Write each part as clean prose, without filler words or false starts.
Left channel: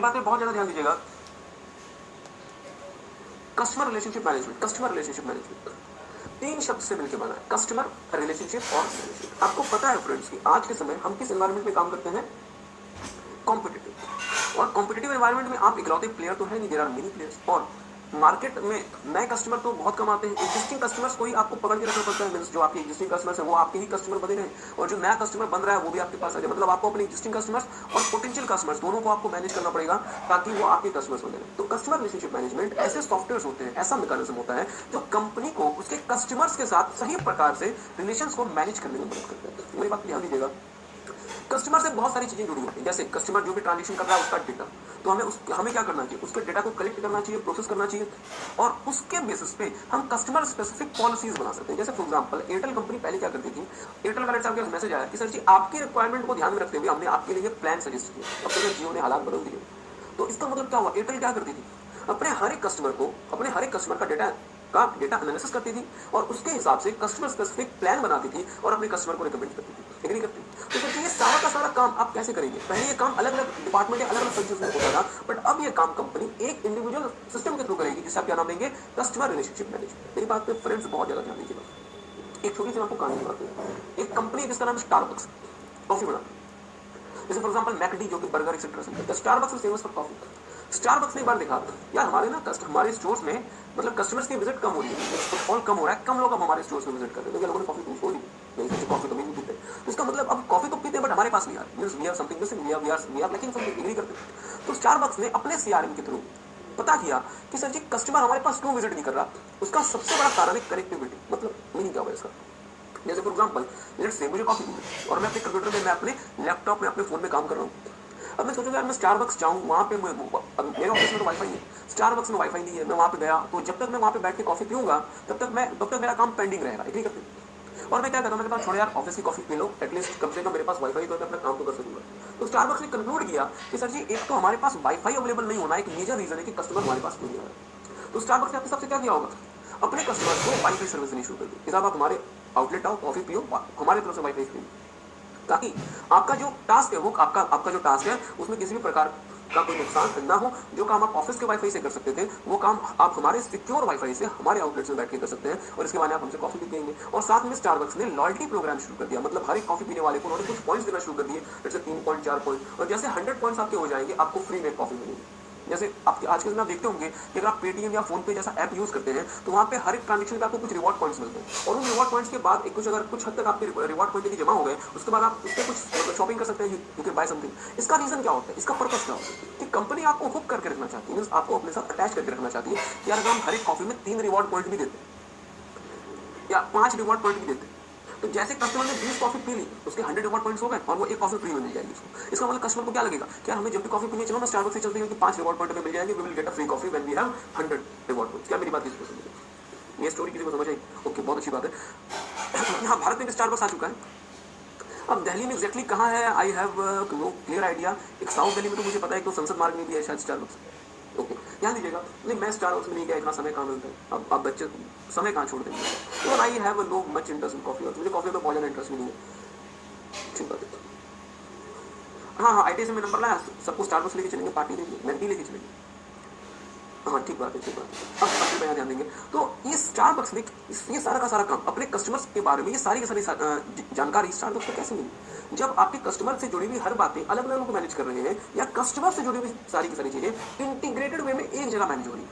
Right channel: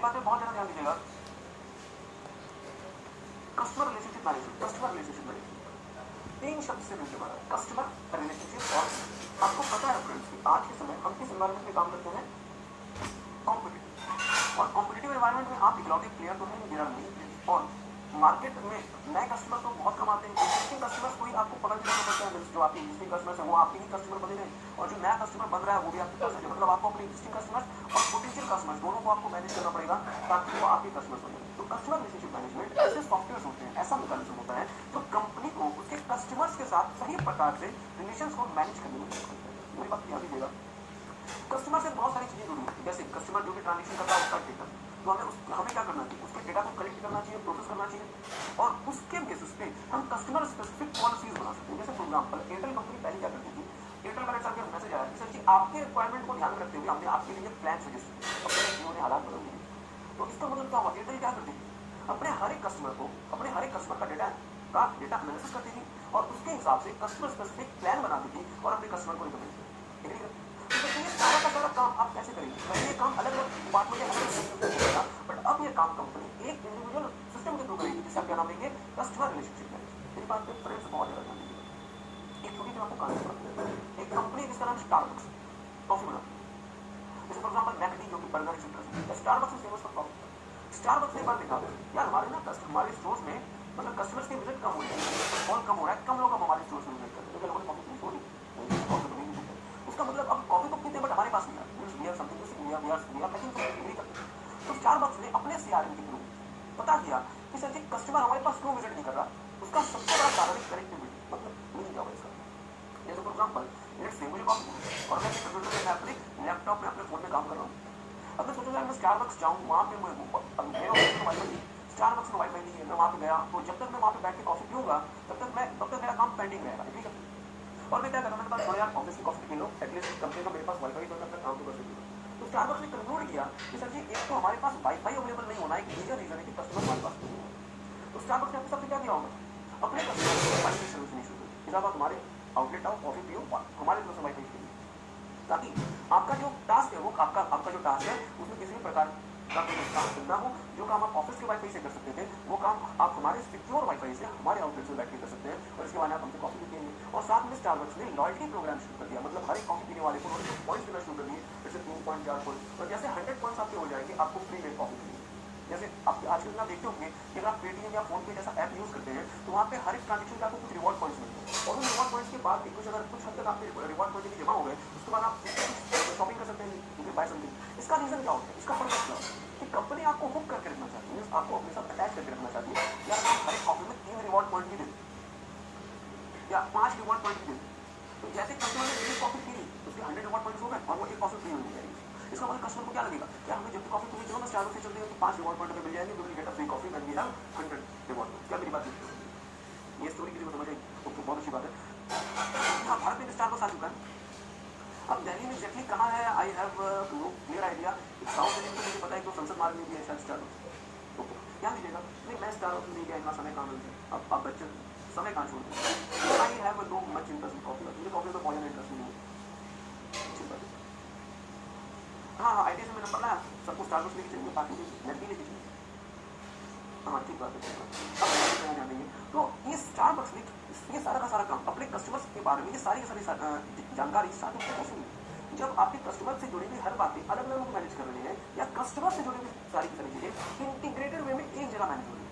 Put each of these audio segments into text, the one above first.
मेरी बात पे बहुत ज्यादा ध्यान दीजिएगा। Customer relationship management, customer relationship management 3 शब्द से मिलकर बना है, कस्टमर, रिलेशनशिप और सर्विस। आपको पता है फ्रेंड्स कि आज के समय हम किस एनवायरनमेंट में काम करते हैं? कॉम्पिटिटिव। और कॉम्पिटिटिव एनवायरनमेंट में आप इकलौते प्लेयर तो है नहीं, देयर आर मेनी प्लेयर्स। और मार्केट में नए कस्टमर तो बहुत कम आते हैं, एग्जिस्टिंग कस्टमर्स को ही आपको पकड़ के रखना पड़ता है। जो आपके एग्जिस्टिंग कस्टमर्स है वो आपके ही कस्टमर बने रहे, और जो नया कस्टमर बन रहा है वो भी आपके पास आ जाए। मतलब आपको अपने एग्जिस्टिंग कस्टमर्स और पोटेंशियल कस्टमर्स दोनों को आपको मैनेज करना पड़ेगा ताकि वो आपके कस्टमर्स बने। तो कस्टमर रिलेशनशिप मैनेजमेंट ऐसे सॉफ्टवेयर होते हैं, ऐसा मैकेनिज्म होता है जो कंपनी को उसके कस्टमर्स के साथ सही प्रकार से रिलेशंस को मैनेज करने में मदद करता है। मेरी बात ध्यान दीजिएगा, कस्टमर से बहुत सारी चीजें जुड़ी होती हैं। जैसे कस्टमर जो भी ट्रांजेक्शन कर रहा है उसका डेटा, तो हमें क्या करना चाहिए? उसके डेटा को कलेक्ट करना चाहिए, प्रोसेस करना चाहिए, और उसके बेसिस पे हम कस्टमर स्पेसिफिक पॉलिसीज बना सकते हैं। जैसे फॉर एग्जांपल एयरटेल कंपनी पहले क्या करती थी, एयरटेल वाले साहब के मैसेज आया कि सर जी आपके रिक्वायरमेंट को ध्यान में रखते हुए हमने आपके लिए प्लान सजेस्ट किया। अब मेरे जियो ने हालात बदल दिए। तो इसका मतलब क्या हुआ? एयरटेल क्या करती थी, अपने हर एक कस्टमर का डेटा एनालिसिस करती थी और उसके हिसाब से कस्टमर स्पेसिफिक प्लान बनाती थी और अपने कस्टमर को रिकमेंड करती थी। एग्री करती थी? तो देखिए ये सारा का सारा काम आप कैसे करेंगे? पहले ये काम अलग अलग डिपार्टमेंट अलग अलग सेक्शंस में होता था, बट अब ये काम कंपनी एक इंडिविजुअल सिस्टम के थ्रू करेगी, जिसे आप क्या नाम देंगे? Customer relationship management. मेरी बात पे फ्रेंड्स बहुत ज्यादा ध्यान दीजिएगा। एक छोटी सी आपको कहानी बताता हूँ। एक कंपनी जिसका नाम स्टारबक्स, कॉफी बनाती। जैसे फॉर एग्जांपल मैकडी जो कि बर्गर एक्सेट्रा से, Starbucks is famous for coffee. Starbucks ने एक बार देखा यार हमारे स्टोर्स में मतलब कस्टमर्स की विजिट कम हो रही है, फुटफॉल कम हो रहा है, कम लोग अब हमारे स्टोर्स में विजिट करते हैं, लोगों ने कॉफी पीनी छोड़ दी, कॉफी तो नहीं पीते। तो इसका मतलब अब कॉफी तो पीते हैं बट हमारे पास नहीं आ रही, we are something missing, we are lacking something, agree करते हैं। तो स्टारबक्स ने अपने सीआरएम के थ्रू पता किया कि सर जी कस्टमर हमारे पास क्यों विजिट नहीं कर रहा। उसका सबसे बड़ा कारण है कनेक्टिविटी। मतलब मीनिंग क्या होगा इसका? जैसे फॉर एग्जांपल लेट्स से मुझे कॉफी पीनी और मैं अपने कंप्यूटर में, मैं अपने लैपटॉप में, अपने फोन में काम कर रहा हूँ। अब मैं सोचूंगा यार मैं स्टारबक्स जाऊँ, वहाँ पे मेरे ऑफिस में तो वाईफाई है, स्टारबक्स में वाईफाई नहीं है, मैं वहाँ पे गया तो जब तक मैं वहाँ पे बैठ के कॉफी पीऊंगा तब तक मेरा काम पेंडिंग रहेगा। एग्री करते हैं? और मैं क्या करता हूँ, मेरे पास छोड़ो यार ऑफिस की कॉफी पी लो, एटलीस्ट कम से कम मेरे पास वाईफाई तो मैं अपना काम तो कर सकूंगा। तो स्टारबक्स ने कंक्लूड किया कि सर जी एक तो हमारे पास वाईफाई अवेलेबल नहीं होना एक मेजर रीजन है कि कस्टमर हमारे पास नहीं है। तो स्टारबक्स ने अपने सबसे क्या किया होगा, अपने कस्टमर को वाईफाई सर्विस देनी शुरू कर दी कि साहब आप हमारे आउटलेट आओ, कॉफी पियो, हमारे तरफ से वाईफाई फ्री, ताकि आपका जो टास्क है वो आपका जो टास्क है उसमें किसी भी प्रकार का कोई नुकसान ना हो। जो काम आप ऑफिस के वाईफाई से कर सकते थे वो काम आप हमारे सिक्योर वाईफाई से हमारे आउटलेट में बैठ के कर सकते हैं, और इसके बाद आप हमसे कॉफी भी पिएंगे। और साथ में स्टारबक्स ने लॉयल्टी प्रोग्राम शुरू कर दिया, मतलब हर एक कॉफी पीने वाले को उन्होंने कुछ पॉइंट्स देना शुरू कर दिए, जैसे 3 पॉइंट 4 पॉइंट, और जैसे 100 पॉइंट्स आपके हो जाएंगे आपको फ्री में कॉफी मिलेगी। जैसे आप आज के दिन आप देखते होंगे कि अगर आप पेटीएम या फोन पे जैसा ऐप यूज करते हैं तो वहाँ पे हर एक ट्रांजेक्शन पे आपको कुछ रिवॉर्ड पॉइंट्स मिलते हैं, और उन रिवॉर्ड पॉइंट्स के बाद अगर कुछ हद तक आपके रिवॉर्ड पॉइंट जमा हो गए उसके बाद आप उससे कुछ शॉपिंग कर सकते हैं, यू कैन बाय समथिंग। इसका रीजन क्या होता है, इसका पर्पस क्या होता है कि कंपनी आपको हुक करके रखना चाहती है, आपको अपने साथ अटैच करके रखना चाहती है। यार अगर हम हर एक कॉफी में 3 रिवॉर्ड पॉइंट भी देते या 5 रिवॉर्ड पॉइंट भी देते, तो जैसे कस्टमर ने 20 कॉफी पी ली उसके 100 रिवॉर्ड पॉइंट्स हो गए और वो एक कॉफी फ्री में मिल जाएगी। इसका मतलब कस्टमर को क्या लगेगा कि यार हमें जब भी कॉफी पीनी चाहिए ना स्टारबक्स से चलते हैं कि 5 रिवॉर्ड पॉइंट में मिल जाएंगे, we will get a free coffee when we have 100 reward points. क्या मेरी बात किसी को समझ में? ये स्टोरी किसी को समझ आई? ओके, बहुत अच्छी बात है। यहाँ भारत में भी स्टारबक्स आ चुका है। अब दिल्ली में एग्जैक्टली कहाँ है I have no clear idea. एक साउथ दिल्ली में तो मुझे पता है कि संसद मार्ग में भी है शायद स्टारबक्स। ओके, ध्यान दीजिएगा। नहीं मैं स्टारबक्स में नहीं गया, इतना समय कहाँ मिलता है, अब आप बच्चे समय कहाँ छोड़ देंगे। तो I have no much interest in coffee, मुझे कॉफी में बहुत ज़्यादा इंटरेस्ट नहीं है। हाँ आईटी से मैं नंबर लाया, सबको स्टारबक्स लेके चलेंगे, पार्टी लेके, मैं नहीं लेके चलेंगे। हाँ ठीक बात है, ठीक बात। अब बाकी पे ध्यान देंगे। तो ये स्टारबक्स ने ये सारा का सारा काम अपने कस्टमर्स के बारे में, ये सारी की सारी जानकारी स्टारबक्स को कैसे मिली? जब आपके कस्टमर से जुड़ी हुई हर बातें अलग अलग लोग मैनेज कर रहे हैं, या कस्टमर से जुड़ी हुई सारी की सारी चीजें इंटीग्रेटेड वे में एक जगह मैनेज हो रही है।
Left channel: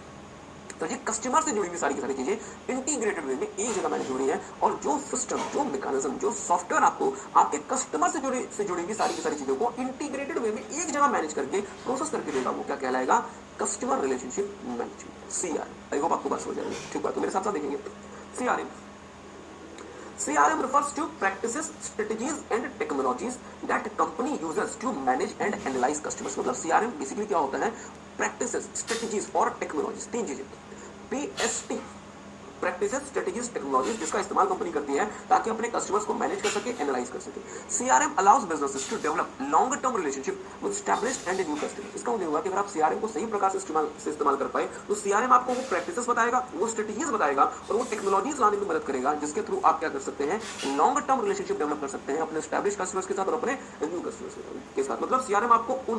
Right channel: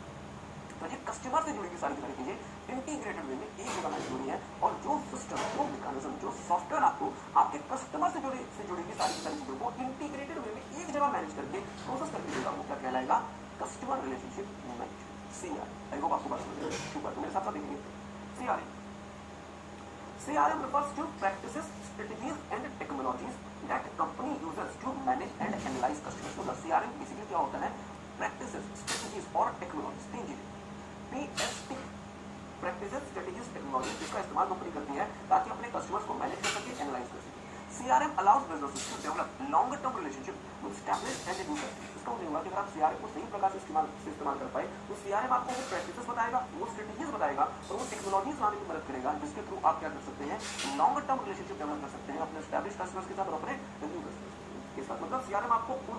तो ये कस्टमर से जुड़ी हुई सारी की सारी चीजें इंटीग्रेटेड वे में एक जगह मैनेज हो रही है, और जो सिस्टम, जो मैकेनिज्म, जो सॉफ्टवेयर आपको आपके कस्टमर से जुड़ी हुई सारी की सारी चीजों को इंटीग्रेटेड वे में एक जगह मैनेज करके प्रोसेस करके देगा, वो क्या कहलाएगा? Customer relationship management, CR. I hope आपको बात समझ आ रही है। ठीक बात, तो मेरे साथ साथ देखेंगे CRM. CRM refers to practices, strategies and technologies that company uses to manage and analyze customers। मतलब CRM बेसिकली क्या होता है? प्रैक्टिसेस, स्ट्रेटजीज और टेक्नोलॉजीज, 3 चीजें। PST प्रैक्टिसेस, स्ट्रेटेजीज, टेक्नोलॉजीज जिसका इस्तेमाल कंपनी करती है ताकि अपने कस्टमर्स को मैनेज कर सके, एनालाइज कर सके। CRM allows businesses to develop long term relationship with established and new customers. इसका मतलब होगा कि अगर आप सीआरएम को सही प्रकार से इस्तेमाल कर पाए तो सीआरएम आपको वो प्रैक्टिसेस बताएगा, वो स्ट्रेटेजीज बताएगा और वो टेक्नोलॉजीज लाने में मदद करेगा जिसके थ्रू आप क्या कर सकते हैं, लॉन्ग टर्म रिलेशनशिप डेवलप कर सकते हैं अपने एस्टैब्लिश कस्टमर्स के साथ और अपने न्यू कस्टमर्स के साथ। मतलब सीआरएम आपको उन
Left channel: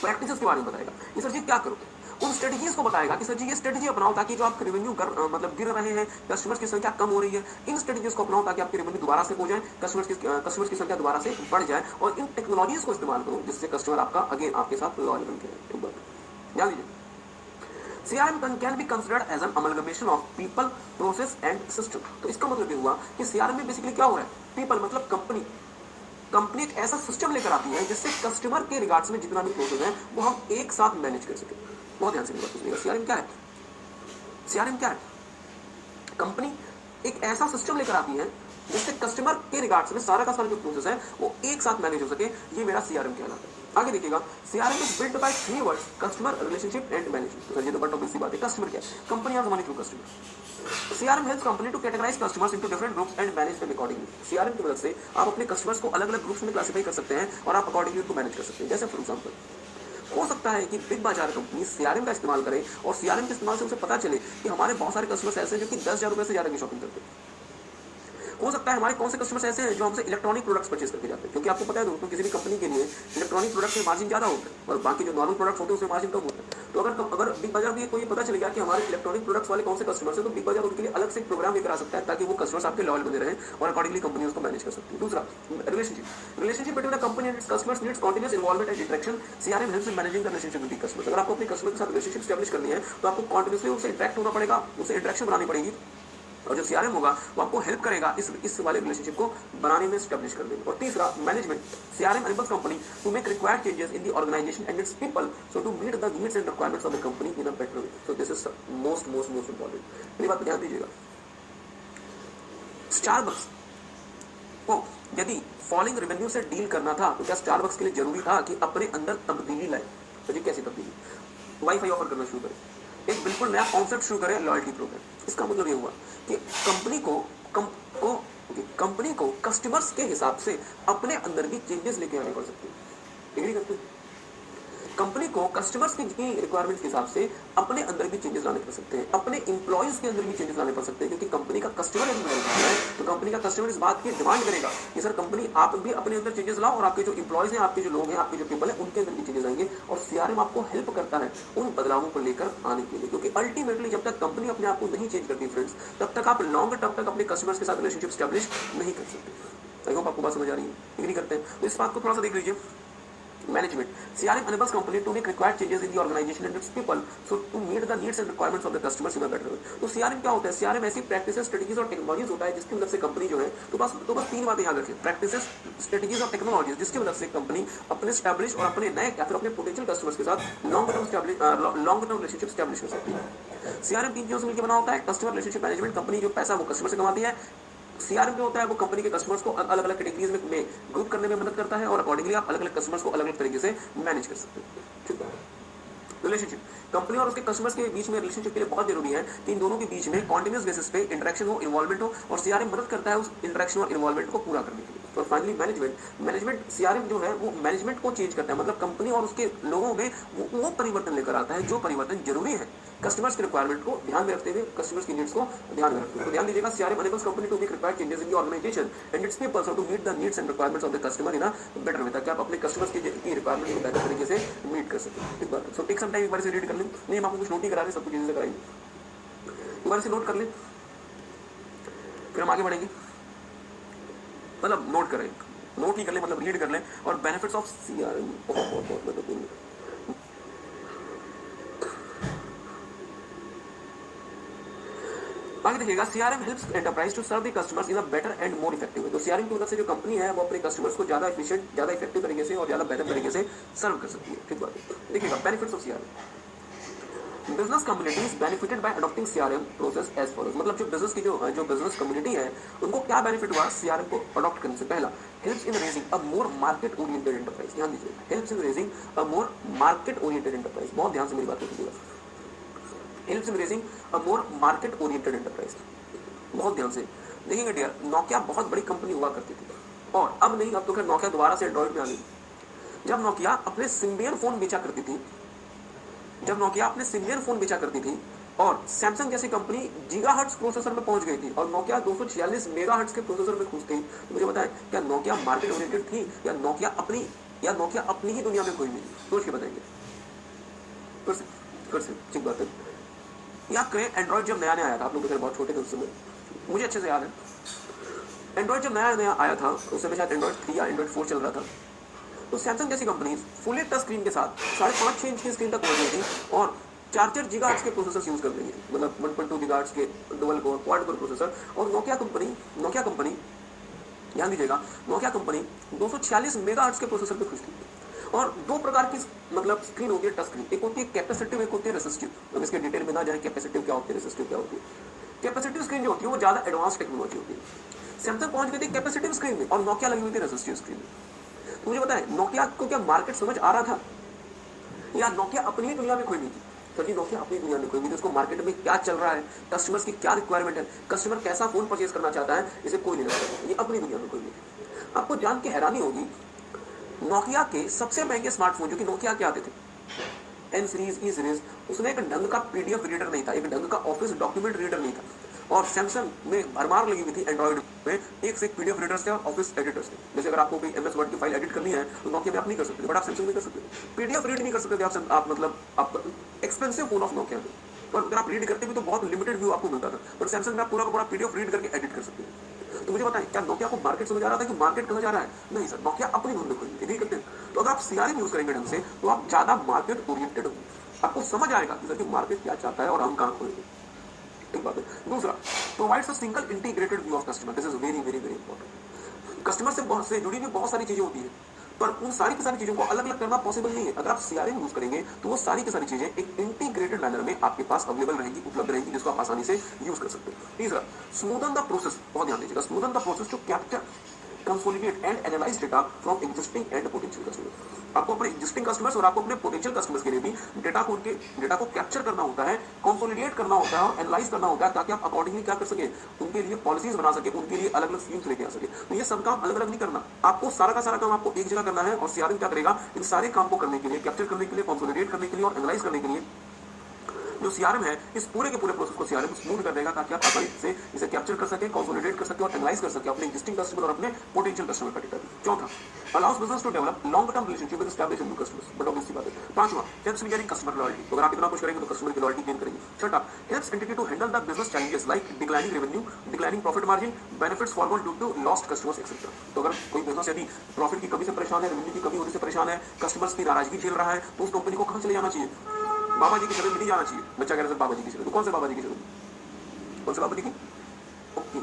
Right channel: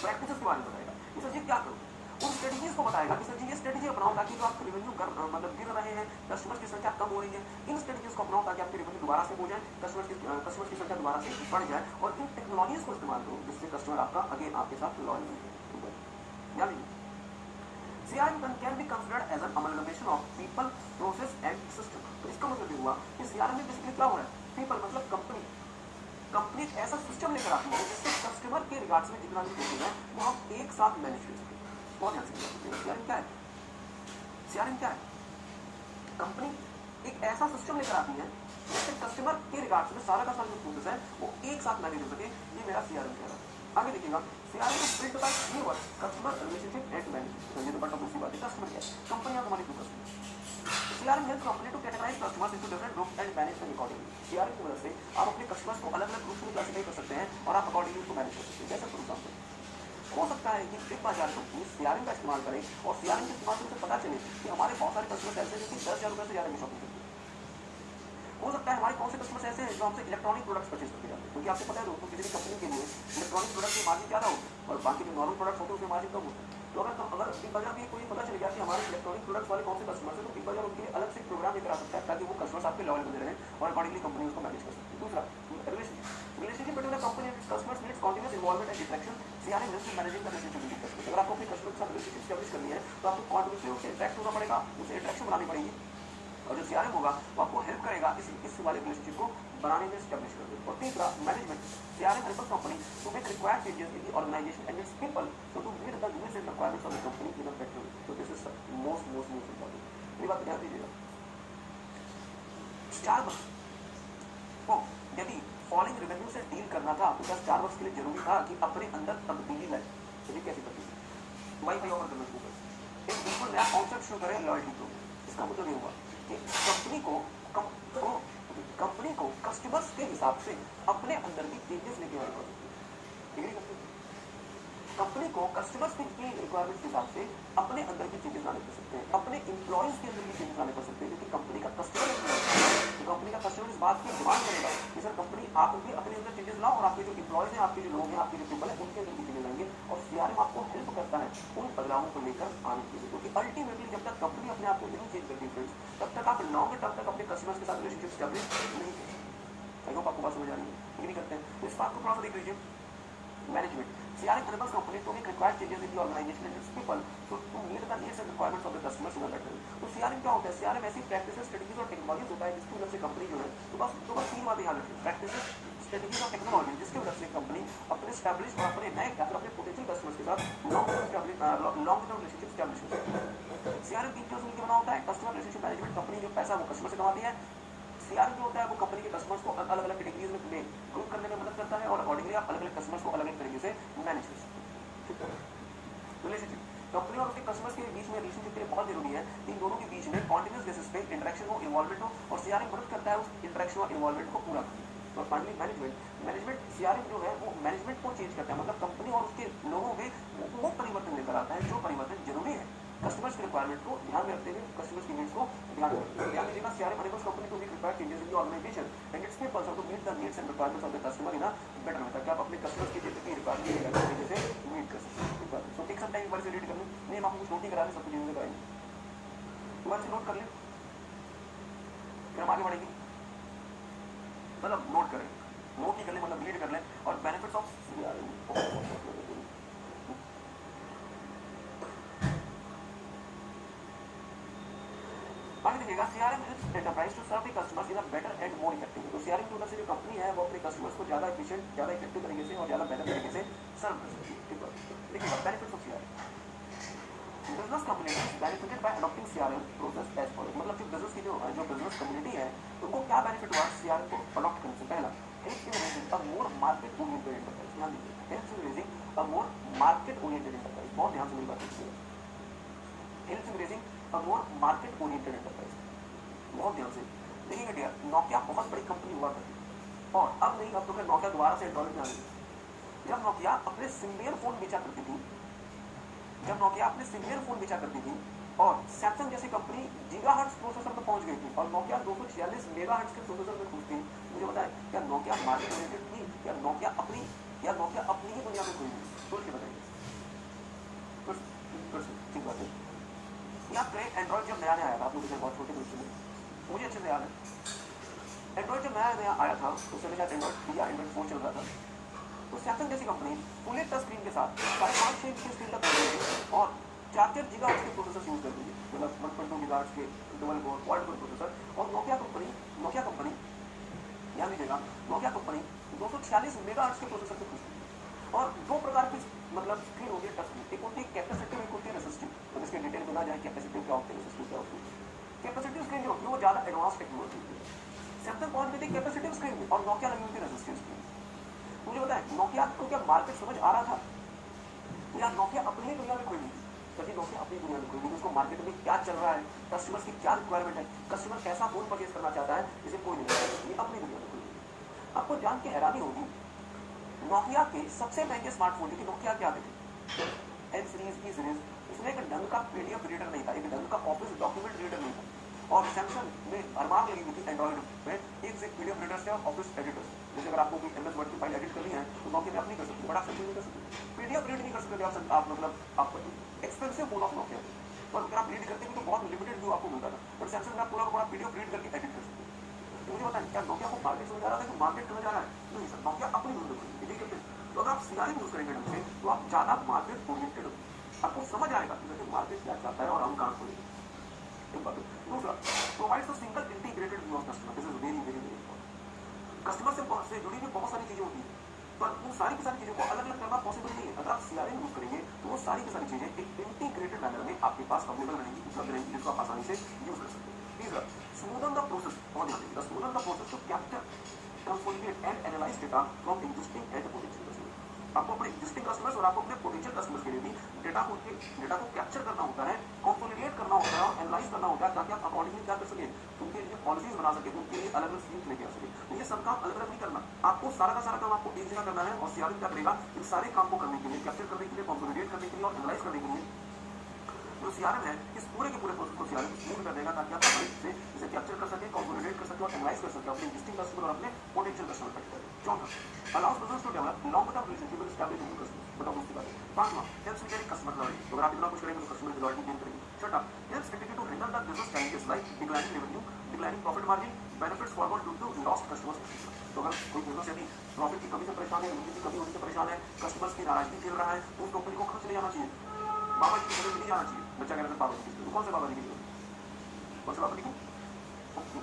प्रैक्टिसेस के बारे में बताएगा कि सर जी क्या करोगे, उन स्ट्रेटेजीज को बताएगा कि सर जी ये स्ट्रेटेजी अपनाओ ताकि जो आपके रेवेन्यू मतलब गिर रहे हैं, कस्टमर्स की संख्या कम हो रही है, इन स्ट्रेटेजीज को अपनाओ ताकि आपके रेवेन्यू दोबारा से हो जाए, कस्टमर्स की संख्या दोबारा से बढ़ जाए और इन टेक्नोलॉजीज को इस्तेमाल करो जिससे कस्टमर आपका अगेन आपके साथ लॉयल बनते हैं। ध्यान दीजिए, CRM can be considered as an amalgamation of people, process and system। तो इसका मतलब ये हुआ कि CRM में बेसिकली क्या हो रहा है, people मतलब कंपनी एक ऐसा सिस्टम लेकर आती है जिससे कस्टमर के रिगार्ड्स में जितना भी प्रोसेस है वो हम एक साथ मैनेज कर सके। बहुत ध्यान से समझिएगा, सीआरएम क्या है, सीआरएम क्या है, कंपनी एक ऐसा सिस्टम लेकर आती है जिससे कस्टमर के रिगार्ड्स में सारा का सारा जो प्रोसेस है वो एक साथ मैनेज हो सके, ये मेरा सीआरएम कहलाता है। आगे देखिएगा, CRM is built by 3 words, customer, relationship and management. ये तो बट ऑब्वियस सी बात है, कस्टमर क्या है, company are money to customer. CRM helps company to categorise customers into different groups and manage them accordingly. CRM की मदद से आप अपने कस्टमर्स को अलग-अलग ग्रुप्स में क्लासिफाई कर सकते हैं और आप अकॉर्डिंगली उनको मैनेज कर सकते हैं। जैसे फॉर एग्जांपल हो सकता है कि बिग बाजार कंपनी सीआरएम का इस्तेमाल करे और सीआरएम के इस्तेमाल से उसे पता चले कि हमारे बहुत सारे कस्टमर्स ऐसे हैं जो कि 10,000 रुपए से ज़्यादा की शॉपिंग करते हैं। हो सकता है हमारे कौन से कस्टमर्स ऐसे हैं जो हमसे इलेक्ट्रॉनिक प्रोडक्ट्स परचेज करके जाते हैं, क्योंकि आपको पता है दोस्तों किसी भी कंपनी के लिए इलेक्ट्रॉनिक प्रोडक्ट में मार्जिन ज़्यादा होता है और बाकी जो नॉर्मल प्रोडक्ट्स होते हैं उसमें मार्जिन कम होता है। तो अगर बिग बाजार को ये पता चल गया कि हमारे इलेक्ट्रॉनिक प्रोडक्ट्स वाले कौन से कस्टमर्स हैं तो बिग बाजार उनके लिए अलग से एक प्रोग्राम लेकर आ सकता है ताकि वो कस्टमर्स आपके लॉयल बने रहें और अकॉर्डिंगली कंपनी उसको मैनेज कर सकती है। दूसरा, relationship between the company and its customers needs continuous involvement and interaction. CRM helps in managing the relationship with customers. अगर आपको अपने कस्टमर के साथ रिलेशनशिप एस्टैब्लिश करनी है तो आपको कंटीन्यूअसली उससे इंटरेक्ट होना पड़ेगा, उससे इंटरेक्शन बनानी पड़ेगी और जो सीआरएम होगा वो आपको हेल्प करेगा इस वाले रिलेशनशिप को बनाने में, एस्टैब्लिश करने में। और तीसरा, management. CRM enables company to make required changes in the organisation and its people so to meet the needs and requirements of the company in a better way. So this is most important. मेरी बात ध्यान दीजिएगा, Starbucks को यदि falling revenue से deal करना था तो क्या स्टारबक्स के लिए जरूरी था कि अपने अंदर तब्दीली लाए? तो ये कैसी तब्दीली? वाईफाई ऑफर करना शुरू करें, एक बिल्कुल नया कॉन्सेप्ट शुरू करें, लॉयल्टी प्रोग्राम। इसका मतलब ये हुआ कि कंपनी को कस्टमर्स के हिसाब से अपने अंदर की चेंजेस लेके आने पड़ सकते हैं। एग्री करते हैं? कंपनी को कस्टमर्स की रिक्वायरमेंट के हिसाब से अपने अंदर भी चेंजेस लाने पड़ सकते हैं, अपने इंप्लॉइज के अंदर भी चेंजेस लाने पड़ सकते हैं, क्योंकि कंपनी का कस्टमर तो कंपनी का कस्टमर इस बात की डिमांड करेगा कि सर कंपनी आप भी अपने अंदर चेंजेस लाओ और आपके जो इंप्लॉइज हैं, आपके जो लोग हैं, आपके जो पीपल हैं, उनके अंदर भी चेंजेस आएंगे। और सीआरएम आपको हेल्प करता है उन बदलावों को लेकर आने के लिए, क्योंकि अल्टीमेटली जब तक कंपनी अपने आप को नहीं चेंज करती फ्रेंड्स, तब तक आप लॉन्ग टर्म तक अपने कस्टमर्स के साथ रिलेशनशिप स्टैब्लिश नहीं कर सकते। आई होप आपको बात समझ आ रही है, एग्री करते हैं? तो इस बात को थोड़ा सा देख लीजिए। Management. CRM enables company to make required changes in the organization and its people, so to meet the needs and requirements of the customers in a better way. तो CRM क्या होता है? CRM ऐसी प्रैक्टिसेस, स्ट्रेटेजीज और technologies होता है जिसकी मदद से कंपनी जो है तो बस 3 बातें याद रखें, प्रैक्टिसेस, स्ट्रेटेजीज और टेक्नोलॉजीज, जिसकी मदद से कंपनी अपने स्टैब्लिश और अपने नए या फिर अपने पोटेंशियल कस्टमर्स के साथ लॉन्ग टर्म रिलेशनशिप स्टैब्लिश कर सकती है। CRM 3 चीजों से मिलकर बना होता है, कस्टमर रिलेशनशिप मैनेजमेंट, कंपनी जो पैसा वो कस्टमर से कमाती है। सीआरएम जो होता है वो कंपनी के कस्टमर्स को अलग अलग कैटेगरीज में ग्रुप करने में मदद करता है और अकॉर्डिंगली आप अलग अलग कस्टमर्स को अलग अलग तरीके से मैनेज कर सकते हैं। ठीक है? रिलेशनशिप, कंपनी और उसके कस्टमर्स के बीच में रिलेशनशिप के लिए बहुत जरूरी है कि इन दोनों के बीच में कॉन्टिन्यूस बेसिस पे इंटरेक्शन हो, इन्वॉल्वमेंट हो, और सीआरएम मदद करता है उस इंटरेक्शन और इन्वॉल्वमेंट को पूरा करने के लिए। और फाइनली मैनेजमेंट सीआरएम जो है वो मैनेजमेंट को चेंज करता है, मतलब कंपनी और उसके लोगों में वो परिवर्तन लेकर आता है जो परिवर्तन जरूरी है कस्टमर्स के रिक्वायरमेंट को ध्यान में रखते हुए, कस्टमर्स की नीड्स को ध्यान में रखते हुए। ध्यान दीजिएगा, CRM enables company to make required changes in the organisation and its people so to meet the needs and requirements of the customer in a better way, ताकि आप अपने कस्टमर्स की रिक्वायरमेंट को बेहतर तरीके से मीट कर सकें। ठीक बात। सो टेक सम टाइम, एक बार से रीड कर लें। नहीं, हम आपको कुछ नोट ही करा रहे हैं, सब कुछ चीजें कराएंगे, एक बार से नोट कर लें, फिर हम आगे बढ़ेंगे। मतलब नोट करें, नोट ही कर लें, मतलब रीड कर लें। और बेनिफिट्स ऑफ सीआरएम बहुत महत्वपूर्ण। आगे देखिएगा, CRM helps enterprise to serve the customers in a better and more effective. तो सीआरएम की मदद से जो कंपनी है वो अपने कस्टमर्स को ज्यादा एफिशिएंट, ज्यादा इफेक्टिव तरीके से और ज्यादा बेहतर तरीके से सर्व कर सकती है। ठीक बात। देखिएगा benefits of CRM. Business communities benefited by adopting CRM process as follows. मतलब जो बिजनेस की जो बिजनेस कम्युनिटी है उनको क्या बेनिफिट हुआ सीआरएम को अडॉप्ट करने से? पहला, helps in raising a more market oriented enterprise. ध्यान दीजिए, helps in raising a more market oriented enterprise. बहुत ध्यान से मेरी बात कीजिएगा। Helps in raising a more market oriented enterprise. बहुत ध्यान से देखिएगा डियर, नोकिया बहुत बड़ी कंपनी हुआ करती थी और अब नहीं, अब तो खैर नोकिया दोबारा से एंड्रॉइड में आ गई। जब नोकिया अपने सिम्बियन फोन बेचा करती थी, जब नोकिया अपने सिम्बियन फोन बेचा करती थी और सैमसंग जैसी कंपनी गीगाहर्ट्ज प्रोसेसर में पहुंच गई थी और नोकिया 246 मेगाहर्ट्ज के प्रोसेसर में पहुंच गई, तो मुझे बताएं क्या नोकिया मार्केट ओरिएंटेड थी या नोकिया अपनी ही दुनिया में कोई नहीं? सोच के बताएंगे। कर से ठीक बात है। या क्रेक एंड्रॉइड जब नया नया आया था, आप लोग तो बहुत छोटे थे उस समय, मुझे अच्छे से याद है। एंड्रॉइड जब नया नया आया था उस समय शायद एंड्रॉइड 3 या एंड्रॉइड 4 चल रहा था, तो सैमसंग जैसी कंपनी फुली टच स्क्रीन के साथ 5.5-6 इंच की स्क्रीन तक पहुंच गई थी और 4 गीगाहर्ट्ज के प्रोसेसर यूज कर रही है, मतलब 1.2 गीगाहर्ट्ज के double core quad core processor. और नोकिया कंपनी ध्यान दीजिएगा, नोकिया कंपनी 246 मेगाहर्ट्ज के प्रोसेसर पे खुश थी। और दो प्रकार की मतलब स्क्रीन होती है टच स्क्रीन, एक होती है कैपेसिटिव, एक होती है रेसिस्टिव। हम इसके डिटेल में ना जाए कैपेसिटिव क्या होती है, रेसिस्टिव क्या होती है। कैपेसिटिव स्क्रीन जो होती है वो ज्यादा एडवांस टेक्नोलॉजी होती है। सैमसंग पहुंच गई थी कैपेसिटिव स्क्रीन में और नोकिया लगी हुई थी रेसिस्टिव स्क्रीन में। मुझे बताएं नोकिया को क्या मार्केट समझ आ रहा था या नोकिया अपनी ही दुनिया में खोई नहीं थी? सर जी नोकिया अपनी दुनिया में खोई नहीं थी, उसको मार्केट में क्या चल रहा है, कस्टमर्स की क्या रिक्वायरमेंट है, कस्टमर कैसा फोन परचेज करना चाहता है, इसे कोई नहीं जानता, ये अपनी दुनिया में खोई नहीं। आपको जान के हैरानी होगी, नोकिया के सबसे महंगे स्मार्टफोन जो कि नोकिया के आते थे, एन सीरीज, ई सीरीज, उसमें एक ढंग का पीडीएफ रीडर नहीं था, एक ढंग का ऑफिस डॉक्यूमेंट रीडर नहीं था। और सैमसंग में भरमार लगी हुई थी एंड्रॉइड में एक से एक पीडीएफ रीडर्स थे और ऑफिस एडिटर्स थे। जैसे अगर आपको कोई एमएस वर्ड की फाइल एडिट करनी है तो नोकिया में आप नहीं कर सकते, बट आप सैमसंग में कर सकते हो। पीडीएफ रीड नहीं कर सकते थे आप मतलब आपका एक्सपेंसिव फोन ऑफ नोकिया में, और अगर आप रीड करते भी तो बहुत लिमिटेड व्यू आपको मिलता था, बट सैमसंग में आप पूरा का पूरा पीडीएफ रीड करके एडिट कर सकते हो। तो मुझे बताएं क्या नोकिया को मार्केट समझ आ रहा था कि मार्केट कहाँ जा रहा है? नहीं सर, नोकिया अपनी धुन में कोई नहीं करते। तो अगर आप सीआरएम यूज करेंगे ढंग से तो आप ज्यादा मार्केट ओरिएंटेड होंगे, आपको समझ आएगा कि मार्केट क्या चाहता है और हम कहाँ खोलेंगे। एक बात है। दूसरा, provides a single integrated view of customer. This is very very very important. Customer से जुड़ी हुई बहुत सारी चीजें होती है, पर उन सारी की सारी चीजों को अलग अलग करना पॉसिबल नहीं है। अगर आप सीआरएम यूज करेंगे तो वो सारी की सारी चीजें एक इंटीग्रेटेड मैनर में आपके पास अवेलेबल रहेंगी, उपलब्ध रहेंगी, जिसको आप आसानी से यूज कर सकते हैं। तीसरा, स्मूदन द प्रोसेस। बहुत ध्यान दीजिएगा, smoothen the process to capture, consolidate and analyse data from existing and potential customer. आपको अपने एग्जिस्टिंग कस्टमर्स और आपको अपने पोटेंशियल कस्टमर्स के लिए भी डेटा को कैप्चर करना होता है, कंसोलिडेट करना होता है और एनालाइज करना होता है, ताकि आप अकॉर्डिंगली क्या कर सके, उनके लिए पॉलिसीज बना सके, उनके लिए अलग अलग स्कीम्स लेके आ सके। तो ये सब काम अलग अलग नहीं करना, आपको सारा का सारा काम आपको एक जगह करना है। और सीआरएम क्या करेगा, इन सारे काम को करने के लिए, कैप्चर करने के लिए, कंसोलिडेट करने के लिए और एनालाइज करने के लिए जो सीआरएम है, इस पूरे के पूरे प्रोसेस को सीआरएम स्मूथ कर देगा, ताकि आप आसानी से इसे कैप्चर कर सके, कंसोलिडेट कर सके और एनालाइज कर सके अपने एग्जिस्टिंग कस्टमर और अपने पोटेंशियल कस्टमर का डेटा। चौथा, allows business to develop long term relationship with established new customers. बड़ा दूसरी बात है। पांचवा, helps in getting customer loyalty. अगर आप इतना कुछ करेंगे तो कस्टमर की लॉयल्टी गेन करेंगे। छठा, helps entity to handle the business challenges like declining revenue, declining profit margin, benefits forward due to lost customers etcetera. तो अगर कोई बिजनेस यदि प्रॉफिट की कमी से परेशान है, रेवेन्यू की कमी होने से परेशान है, कस्टमर्स की नाराजगी झेल रहा है, तो उस कंपनी को कहां चले जाना चाहिए? बाबा जी की शरण में नहीं जाना चाहिए। बच्चा कह रहा है बाबा जी की शरण, कौन से बाबा जी की शरण? कौन से बाबा जी की? ओके,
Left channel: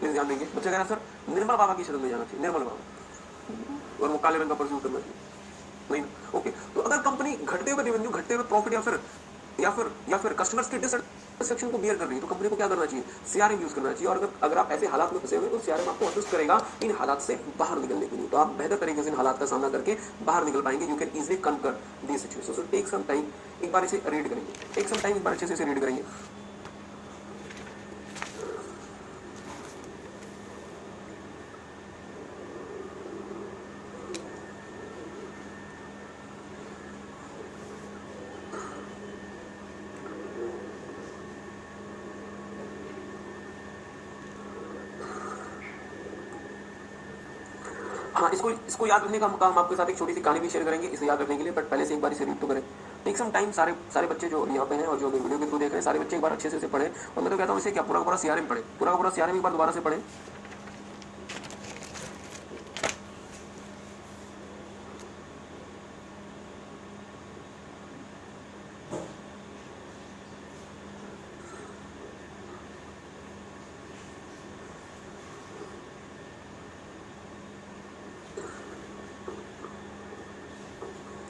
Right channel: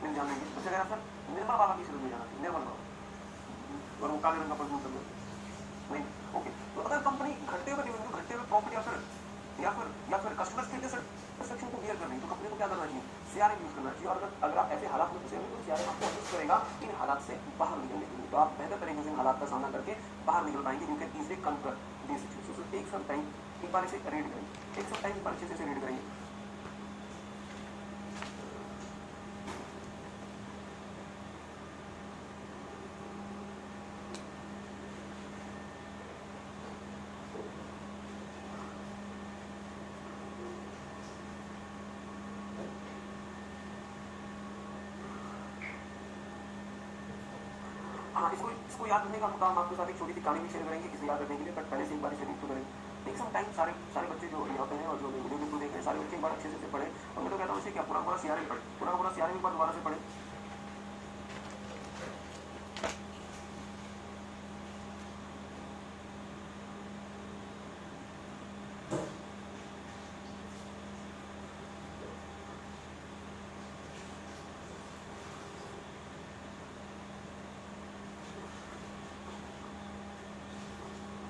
प्लीज ध्यान देंगे। बच्चा कह रहा है सर निर्मल बाबा की शरण में जाना चाहिए, निर्मल बाबा, और वो काले रंग का परफ्यूम करना नहीं। ओके, तो अगर कंपनी घटते हुए रेवेन्यू, घटते हुए प्रॉफिट या फिर कस्टमर्स की डिससेटिस्फैक्शन को बियर कर रही है, तो कंपनी को क्या करना चाहिए? सीआरएम यूज करना चाहिए। और अगर आप ऐसे हालात में फंसे हुए तो सीआरएम आपको असिस्ट करेगा इन हालात से बाहर निकलने के लिए। तो आप बेहतर तरीके से इन हालात का सामना करके बाहर निकल पाएंगे। You can easily conquer these situation. So take some time, एक बार इसे रीड करेंगे, टेक सम टाइम, एक बार अच्छे से इसे रीड करेंगे। हाँ, इसको याद रखने का हम आपके साथ एक छोटी सी कहानी भी शेयर करेंगे इसे याद रखने के लिए, बट पहले से एक बार इसे रीड तो करें। Take some time. सारे बच्चे जो यहाँ पे हैं और जो वीडियो के थ्रू देख रहे हैं, सारे बच्चे एक बार अच्छे से इसे पढ़ें। और मैं तो कहता हूँ इसे क्या पूरा पूरा सीआरएम पढ़े, पूरा पूरा सीआरएम एक बार दोबारा से पढ़ें।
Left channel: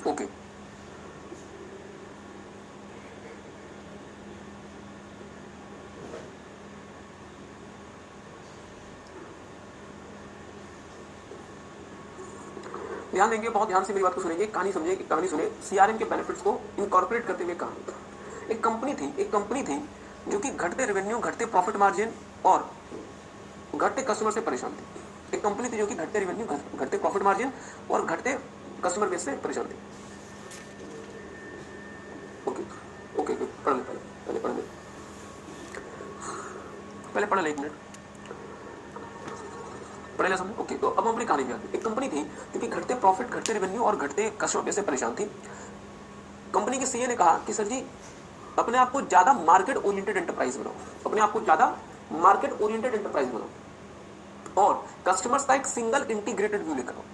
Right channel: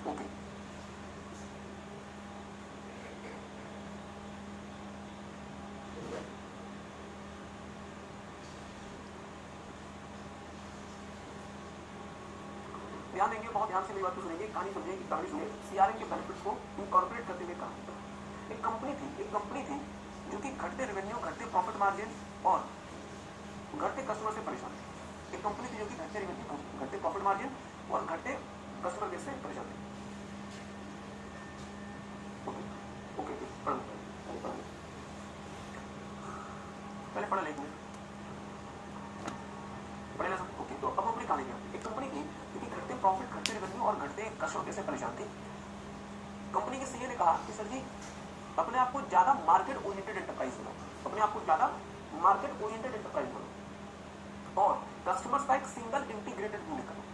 ओके, ध्यान देंगे, बहुत ध्यान से मेरी बात को सुनेंगे, कहानी समझिए कि कहानी सुने, सीआरएम के बेनिफिट्स को इनकॉर्पोरेट करते हुए कहानी। एक कंपनी थी जो कि घटते रेवेन्यू, घटते प्रॉफिट मार्जिन और घटते कस्टमर से परेशान थी। एक कंपनी थी जो कि घटते रेवेन्यू, घटते प्रॉफिट मार्जिन और घटते कस्टमर बेस से परेशान थी। ओके ओके पढ़ ले, पहले पढ़ ले, एक मिनट पढ़े ले समझो। ओके, तो अब हम अपनी कहानी में आते हैं। एक कंपनी थी जो कि घटते प्रॉफिट, घटते रेवेन्यू और घटते कस्टमर बेस से परेशान थी। कंपनी के सीए ने कहा कि सर जी, अपने आप को ज्यादा मार्केट ओरिएंटेड एंटरप्राइज बनाओ, अपने आप को ज्यादा मार्केट ओरिएंटेड एंटरप्राइज बनाओ और कस्टमर्स का एक सिंगल इंटीग्रेटेड व्यू लेकर आओ,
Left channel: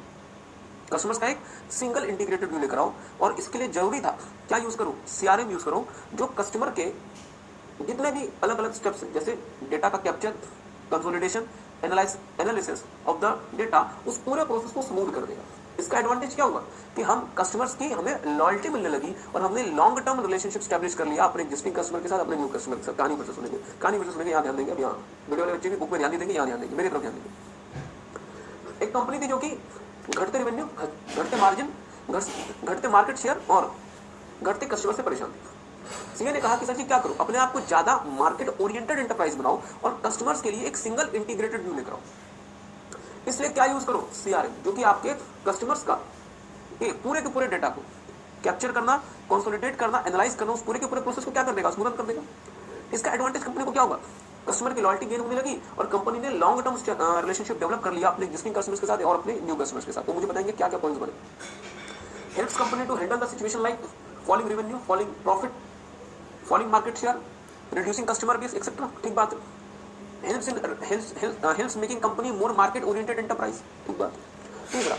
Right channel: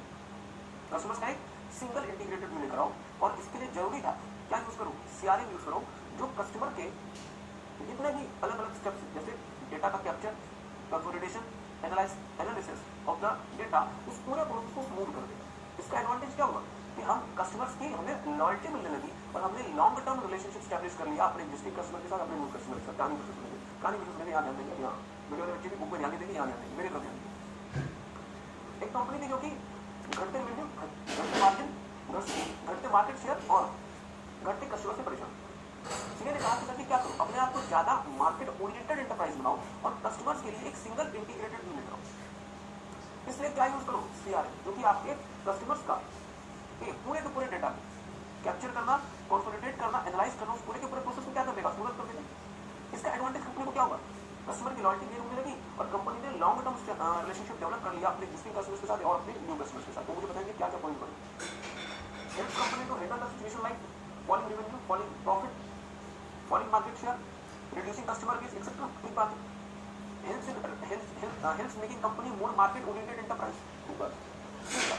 कस्टमर्स का एक सिंगल इंटीग्रेटेड व्यू लेकर आओ। और इसके लिए जरूरी था क्या यूज करो, सीआरएम यूज करो, जो कस्टमर के जितने भी अलग अलग स्टेप्स हैं, जैसे डेटा का capture, consolidation, analysis of the data, उस पूरे प्रोसेस को स्मूथ कर देगा। इसका एडवांटेज क्या होगा कि हम कस्टमर्स की हमें लॉयल्टी मिलने लगी और हमने लॉन्ग टर्म रिलेशनशिप स्टैब्लिश कर लिया अपने एक्जिस्टिंग कस्टमर के साथ, अपने न्यू कस्टमर के साथ। कहानी फिर सुनेंगे, यहाँ ध्यान देंगे, अब यहाँ वीडियो वाले बच्चे भी बुक में ध्यान देंगे, यहाँ ध्यान देंगे, मेरी तरफ ध्यान देंगे। एक कंपनी थी जो कि घटते रेवेन्यू, घटते मार्जिन, घटते मार्केट शेयर और घटते कस्टमर से परेशान। सीए ने कहा कि सर जी क्या करो, अपने आप को ज्यादा मार्केट ओरिएंटेड एंटरप्राइज बनाओ और कस्टमर्स के लिए एक सिंगल इंटीग्रेटेड व्यू लेकर आओ। इसलिए क्या यूज करो, सीआरएम, जो कि आपके कस्टमर्स का पूरे के पूरे डेटा को कैप्चर करना, कंसोलिडेट करना, एनालाइज करना, उस पूरे के पूरे प्रोसेस को क्या कर देगा, स्मूथ कर देगा। इसका एडवांटेज कंपनी को क्या होगा, कस्टमर की लॉयल्टी गेन होने लगी और कंपनी ने लॉन्ग टर्म रिलेशनशिप डेवलप कर लिया अपने एक्जिस्टिंग कस्टमर्स के साथ और अपने न्यू कस्टमर्स के साथ। तो मुझे बताएंगे क्या क्या पॉइंट्स बने। Helps company to handle the situation like falling revenue, falling profit, falling market share, reducing customer base etcetera. ठीक बात है। Helps making company more market oriented enterprise. ठीक बात। तीसरा,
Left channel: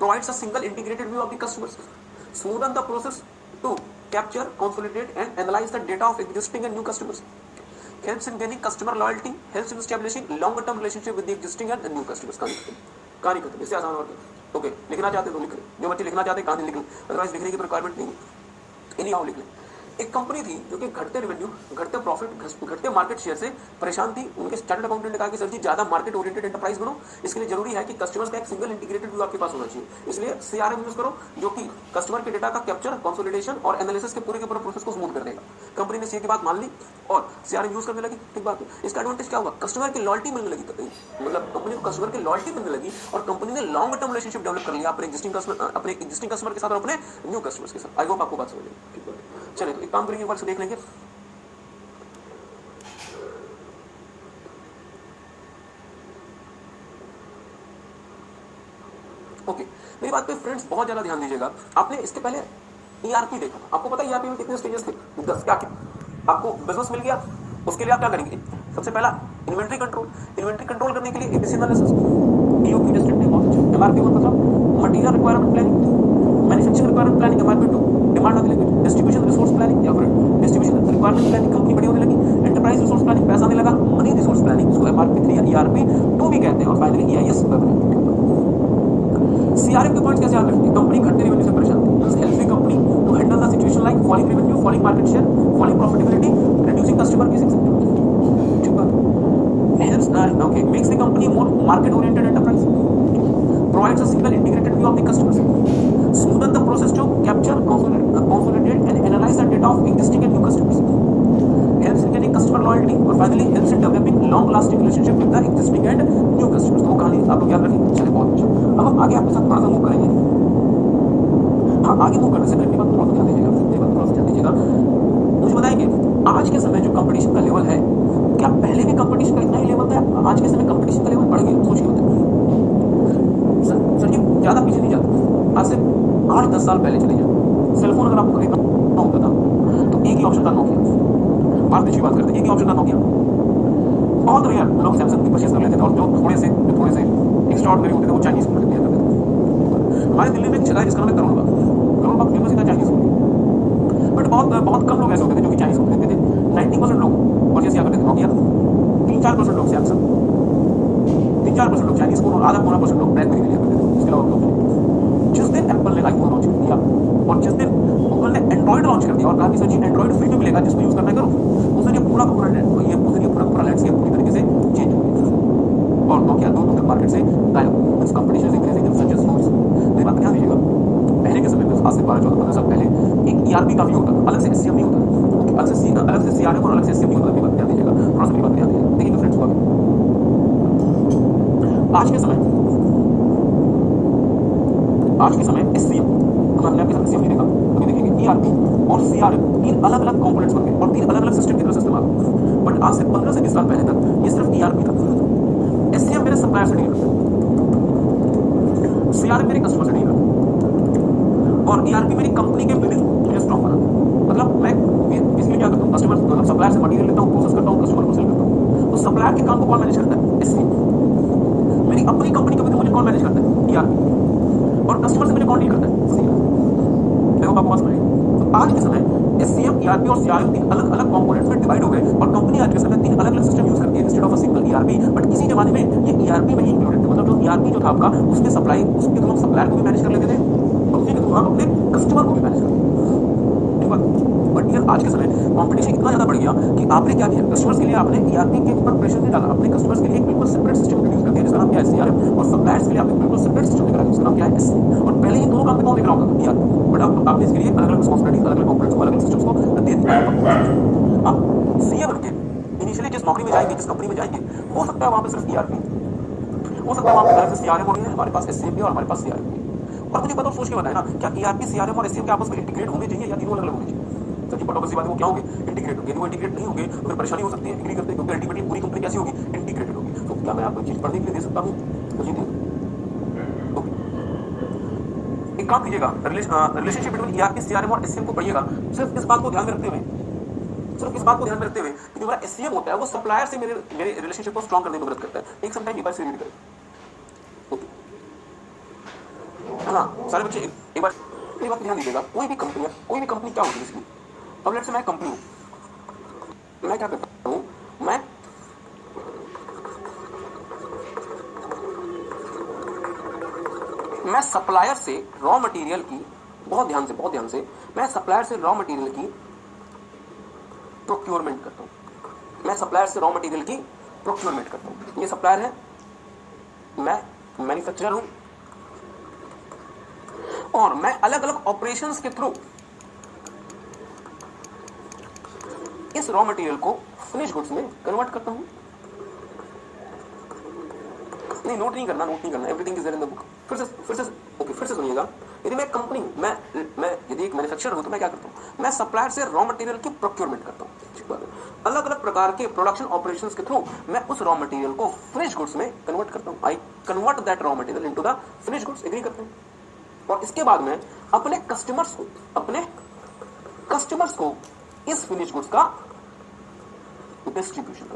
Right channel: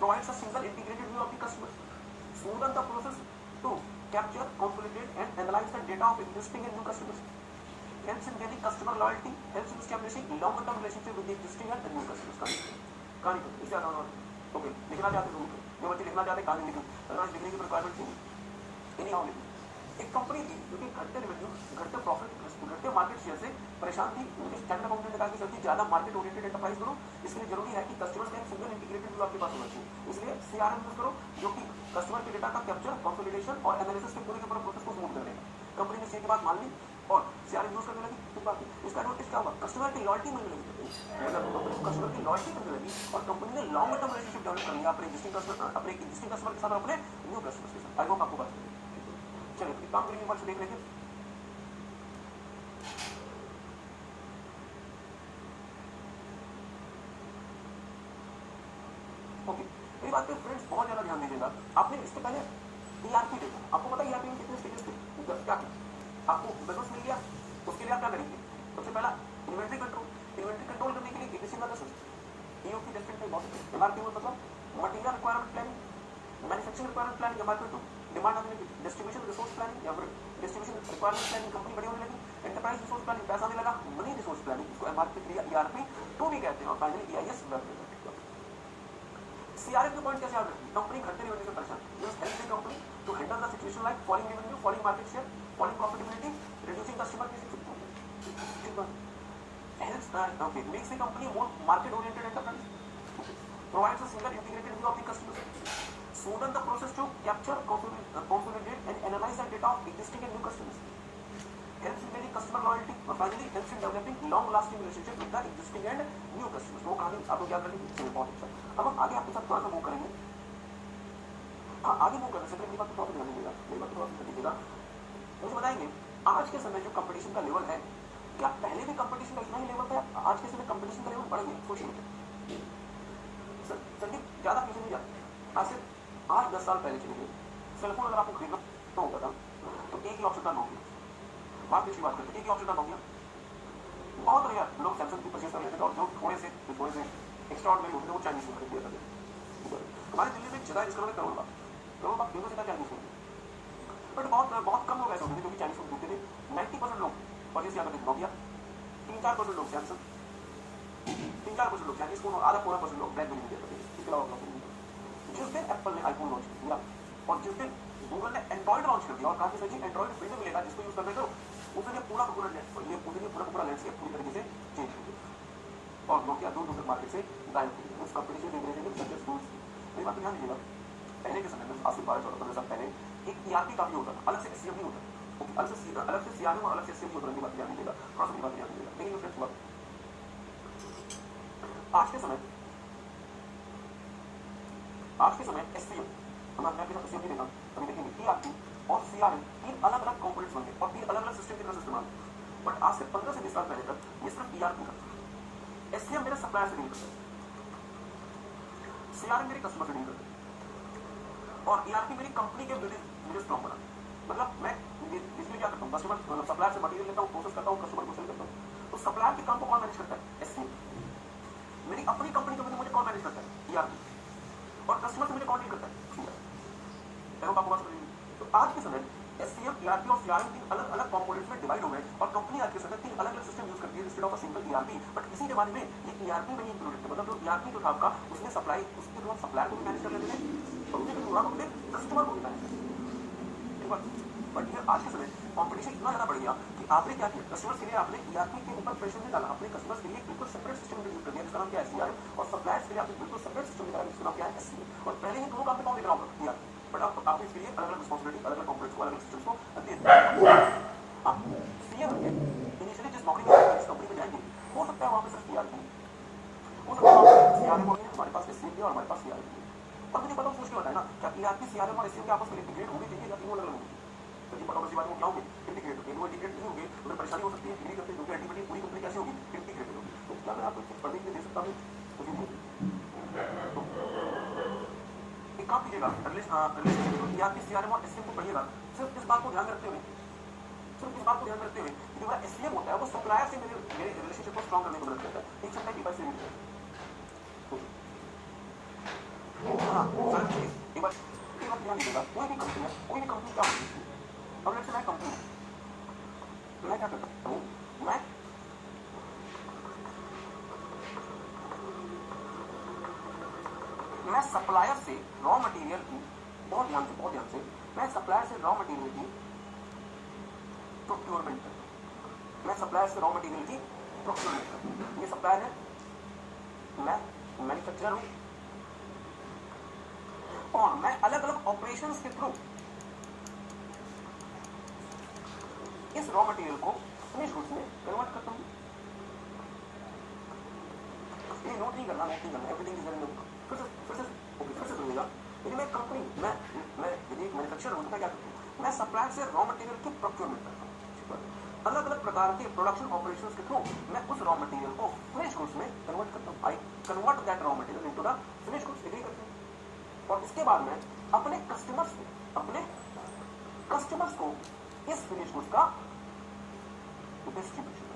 provides a single integrated view of the customers, smoothen the process to capture, consolidate and analyze the data of existing and new customers, helps in gaining customer loyalty, helps in establishing longer term relationship with the existing and the new customers। कहानी खत्म। इससे आसान बात है। Okay, लिखना चाहते तो लिख लो, जो बच्चे लिखना चाहते कहानी लिख लो, अदरवाइज लिखने की रिक्वायरमेंट नहीं है, इन्हीं आओ लिख लो। एक कंपनी थी जो कि घटते रेवेन्यू, घटते प्रॉफिट, घटते मार्केट शेयर से परेशान थी। उनके चार्टर्ड अकाउंटेंट ने कहा कि सर जी ज्यादा मार्केट ओरिएंटेड एंटरप्राइज बनो, इसके लिए जरूरी है कि कस्टमर्स का एक सिंगल इंटीग्रेटेड व्यू आपके पास होना चाहिए। इसलिए सीआरएम यूज करो, जो कि कस्टमर के डेटा का कैप्चर, कंसोलिडेशन और एनालिसिस के पूरे प्रोसेस को स्मूथ कर देगा। कंपनी ने सीए की बात मान ली और सीआरएम यूज करने लगी। ठीक बात है। इसका एडवांटेज क्या हुआ, कस्टमर की लॉयल्टी मिलने लगी, मतलब कंपनी को कस्टमर की लॉयल्टी मिलने लगी और कंपनी ने लॉन्ग टर्म रिलेशनशिप डेवलप कर लिया अपने एक्जिस्टिंग कस्टमर के साथ और अपने न्यू कस्टमर्स के साथ। आई होप आपको बात समझ में। ठीक है, चलिए तो एक काम करेंगे, एक बार से देख लेंगे। ओके, मेरी बात पे फ्रेंड्स बहुत ज्यादा ध्यान दीजिएगा। आपने इसके पहले ईआरपी देखा, आपको पता है ईआरपी में कितने स्टेजेस थे, 10 क्या क्या। आपको बिजनेस मिल गया, उसके लिए आप क्या करेंगे, सबसे पहला इन्वेंट्री कंट्रोल करने के लिए ABC analysis, EOP district, MRP मतलब material requirement planning, manufacturing requirement planning, MRP 2 demand of liquid, distribution resource planning या फिर डिस्ट्रीब्यूशन रिक्वायरमेंट प्लानिंग, कंपनी बड़ी होने लगी, एंटरप्राइज रिसोर्स प्लानिंग, पैसा आने लगा, मनी रिसोर्स प्लानिंग, इसको एमआरपी 3 या ईआरपी 2 भी कहते हैं, और फाइनली ईआईएस। सीआरएम के पॉइंट्स कैसे याद रखेंगे, कंपनी घटते रेवेन्यू से परेशान है, help the company to handle the situation like falling revenue, falling market share, falling profitability, reducing customer base. ठीक बात। Helps okay makes the company more market oriented enterprise, provides a single integrated view of the customers, smoothen the process to capture, consolidate and analyze the data of existing and new customers, helps in getting customer loyalty और finally helps in developing long lasting relationship with the existing and new customers। तो कहानी आप लोग याद रखेंगे। चलिए बहुत अच्छा, अब हम आगे आपके साथ थोड़ा सा मूव करेंगे। हाँ, आगे मूव करने से पहले बात थोड़ा ध्यान दीजिएगा, मुझे बताएंगे आज के समय जो कंपटीशन का लेवल है, क्या पहले भी कंपटीशन का इतना ही लेवल था, आज के समय कंपटीशन का लेवल बढ़ गया, सोच के होता है। सर जी ज्यादा पीछे नहीं जाता, आज से 8-10 साल पहले चले जाए, सेलफोन अगर आपको खरीदना होता था तो एक ही ऑप्शन था नोकिया। बात की बात करते हैं, एक ही ऑप्शन था नोकिया। बहुत रेयर लोग सैमसंग की परचेस कर लेते थे और जो थोड़े से एक्स्ट्राऑर्डिनरी होते थे वो चाइनीज खरीद लिया करते थे। हमारे दिल्ली में एक जगह है जिसका नाम है करोल बाग फेमस था चाइनीज, बट बहुत कम लोग ऐसे होते थे जो कि चाइनीज खरीदते थे। 90% लोग परचेस किया करते थे नोकिया, 3-4% लोग सैमसंग, 3-4% लोग चाइनीज को, आधा पौना % लोग ब्लैकबेरी लिया करते थे। इसके अलावा जिस दिन एप्पल ने आईफोन लॉन्च कर दिया और जिस दिन गूगल ने एंड्रॉइड लॉन्च कर दिया और कहा कि सर जी एंड्रॉइड फ्री में मिलेगा, जिसको यूज करना करो, उस दिन ये पूरा लैंडस्केप पूरी तरीके से चेंज हो गया और नोकिया दूर तक मार्केट से गायब। इस competition is increasing in such as notes. मेरी बात ध्यान दीजिएगा, पहले के समय में आज से 12-14 साल पहले एक ईआरपी काफी होता था, अलग से एससीएम नहीं होता। अलग से सीआरएम और अलग से एससीएम की बात ध्यान दीजिएगा, थोड़ा सा मेरी बात ध्यान दीजिएगा। देखिए फ्रेंड्स, आज के समय एससीएम, हमने आपके साथ एससीएम नहीं देखा, अभी देखेंगे ईआरपी और सीआरएम, तीन अलग अलग कंपोनेंट्स बनते हैं और तीन अलग अलग सिस्टम की तरह से इस्तेमाल होते हैं। बट आज से 15 से 20 साल पहले तक ये सिर्फ ईआरपी था। एससीएम मेरे सप्लायर से डील करता है, सीआरएम मेरे कस्टमर से डील करता है और ईआरपी मेरी कंपनी के बिलिंग मुझे स्ट्रॉन्ग बनाता है। मतलब मैं इसलिए क्या करता हूँ, कस्टमर मतलब सप्लायर से मटेरियल लेता हूँ, प्रोसेस करता हूँ, कस्टमर को सेल करता हूँ। तो सप्लायर के काम को कौन मैनेज करता है? एससीएम। मेरी अपनी कंपनी के बिलिंग मुझे कौन मैनेज करता है? ईआरपी। और कस्टमर से मुझे कौन डील करता है? सीआरएम। देखो आप पास करिए, तो आज के समय एससीएम, ईआरपी और सीआरएम तीन अलग अलग कंपोनेंट्स में डिवाइड हो गए और कंपनी आज के समय तीन अलग अलग सिस्टम यूज करती है instead of a single ERP. But इसी जमाने में ये ईआरपी में ही इंक्लूडेड थे, मतलब जो ईआरपी जो था आपका, उसके सप्लाई, उसके थ्रू सप्लायर को भी मैनेज कर लेते थे, उसके थ्रू आप अपने कस्टमर को भी मैनेज कर लेते थे। बट ये आज के समय कॉम्पिटिशन इतना ज्यादा बढ़ गया कि आपने क्या किया, कस्टमर्स के लिए आपने ईआरपी के ऊपर प्रेशर नहीं डाला, अपने कस्टमर्स के लिए बिल्कुल सेपरेट सिस्टम इंट्रोड्यूस कर दिया जिसका नाम क्या है? सीआरएम। और सप्लायर्स के लिए आपने बिल्कुल सेपरेट सिस्टम निकाला जिसका नाम क्या है? एससीएम। और पहले ये दोनों काम में कौन देख रहा होगा? ईआरपी। बट आपने इसके लिए अलग अलग रिस्पांसिबिलिटी, अलग अलग कंपोनेंट्स को, अलग अलग सिस्टम्स को दे दिया। आप सीए बन के इनिशियली जिस नौकरी में जाएंगे, जिस कंपनी में जाएंगे, हो सकता है वहां पे सिर्फ ईआरपी, हो सकता है वहां पे अलग से सीआरएम होनी है, हमारे पास एससीएम भी और हमारे पास सीआरएम भी। और मुझे बताओ, सोच के बताए ना, क्या ईआरपी, सीआरएम और एससीएम के आपस में इंटीग्रेट होने चाहिए या तीनों अलग अलग होने चाहिए? सच्ची पटो बसी बात है, वो क्या होंगे? इंटीग्रेट होंगे। यदि वो इंटीग्रेट नहीं होंगे तो फिर परेशानी हो सकती है, एग्री करते हैं, क्योंकि अल्टीमेटली पूरी कंपनी कैसी होगी? इंटीग्रेटेड होगी। तो क्या मैं आपको चीज पढ़ने के लिए दे सकता हूँ? मुझे नहीं। एक काम कीजिएगा, रिलेशनशिप बिटवीन ईआरपी, सीआरएम और एससीएम को पढ़िएगा, सिर्फ इस बात को ध्यान में रखते हुए कि मेरा एससीएम होता है वो सप्लायर से मेरे रिलेशनशिप को स्ट्रॉन्ग करने में मदद करता है। एक समटाइम एक बार से रीड करें। हाँ सारे बच्चे एक बार ध्यान दीजिएगा, कोई भी कंपनी क्या होती है इसकी। अब लेट्स से मैं कंपनी हूँ, मैं क्या करता हूँ, मैं सप्लायर से रॉ मटेरियल की, बहुत ध्यान से मैं सप्लायर से रॉ मटेरियल की प्रोक्योरमेंट करता हूँ। ये सप्लायर है, मैं मैन्युफैक्चरर हूँ और मैं अलग अलग ऑपरेशंस के थ्रू इस रॉ मटेरियल को फिनिश गुड्स में कन्वर्ट करता हूँ। नहीं, नोट नहीं करना, everything is there in the book. फिर से सुनिएगा। यदि मैं कंपनी, मैं यदि एक मैन्युफैक्चरर हूं तो मैं क्या करता हूँ, मैं सप्लायर से रॉ मटेरियल की प्रोक्योरमेंट करता हूँ। अलग अलग प्रकार के प्रोडक्शन ऑपरेशंस के थ्रू मैं उस रॉ मटेरियल को फिनिश गुड्स में कन्वर्ट करता हूँ। I convert that raw material into the finish goods, agree करते हैं। और इसके बाद मैं अपने कस्टमर्स को इस फिनिश गुड्स का डिस्ट्रीब्यूशन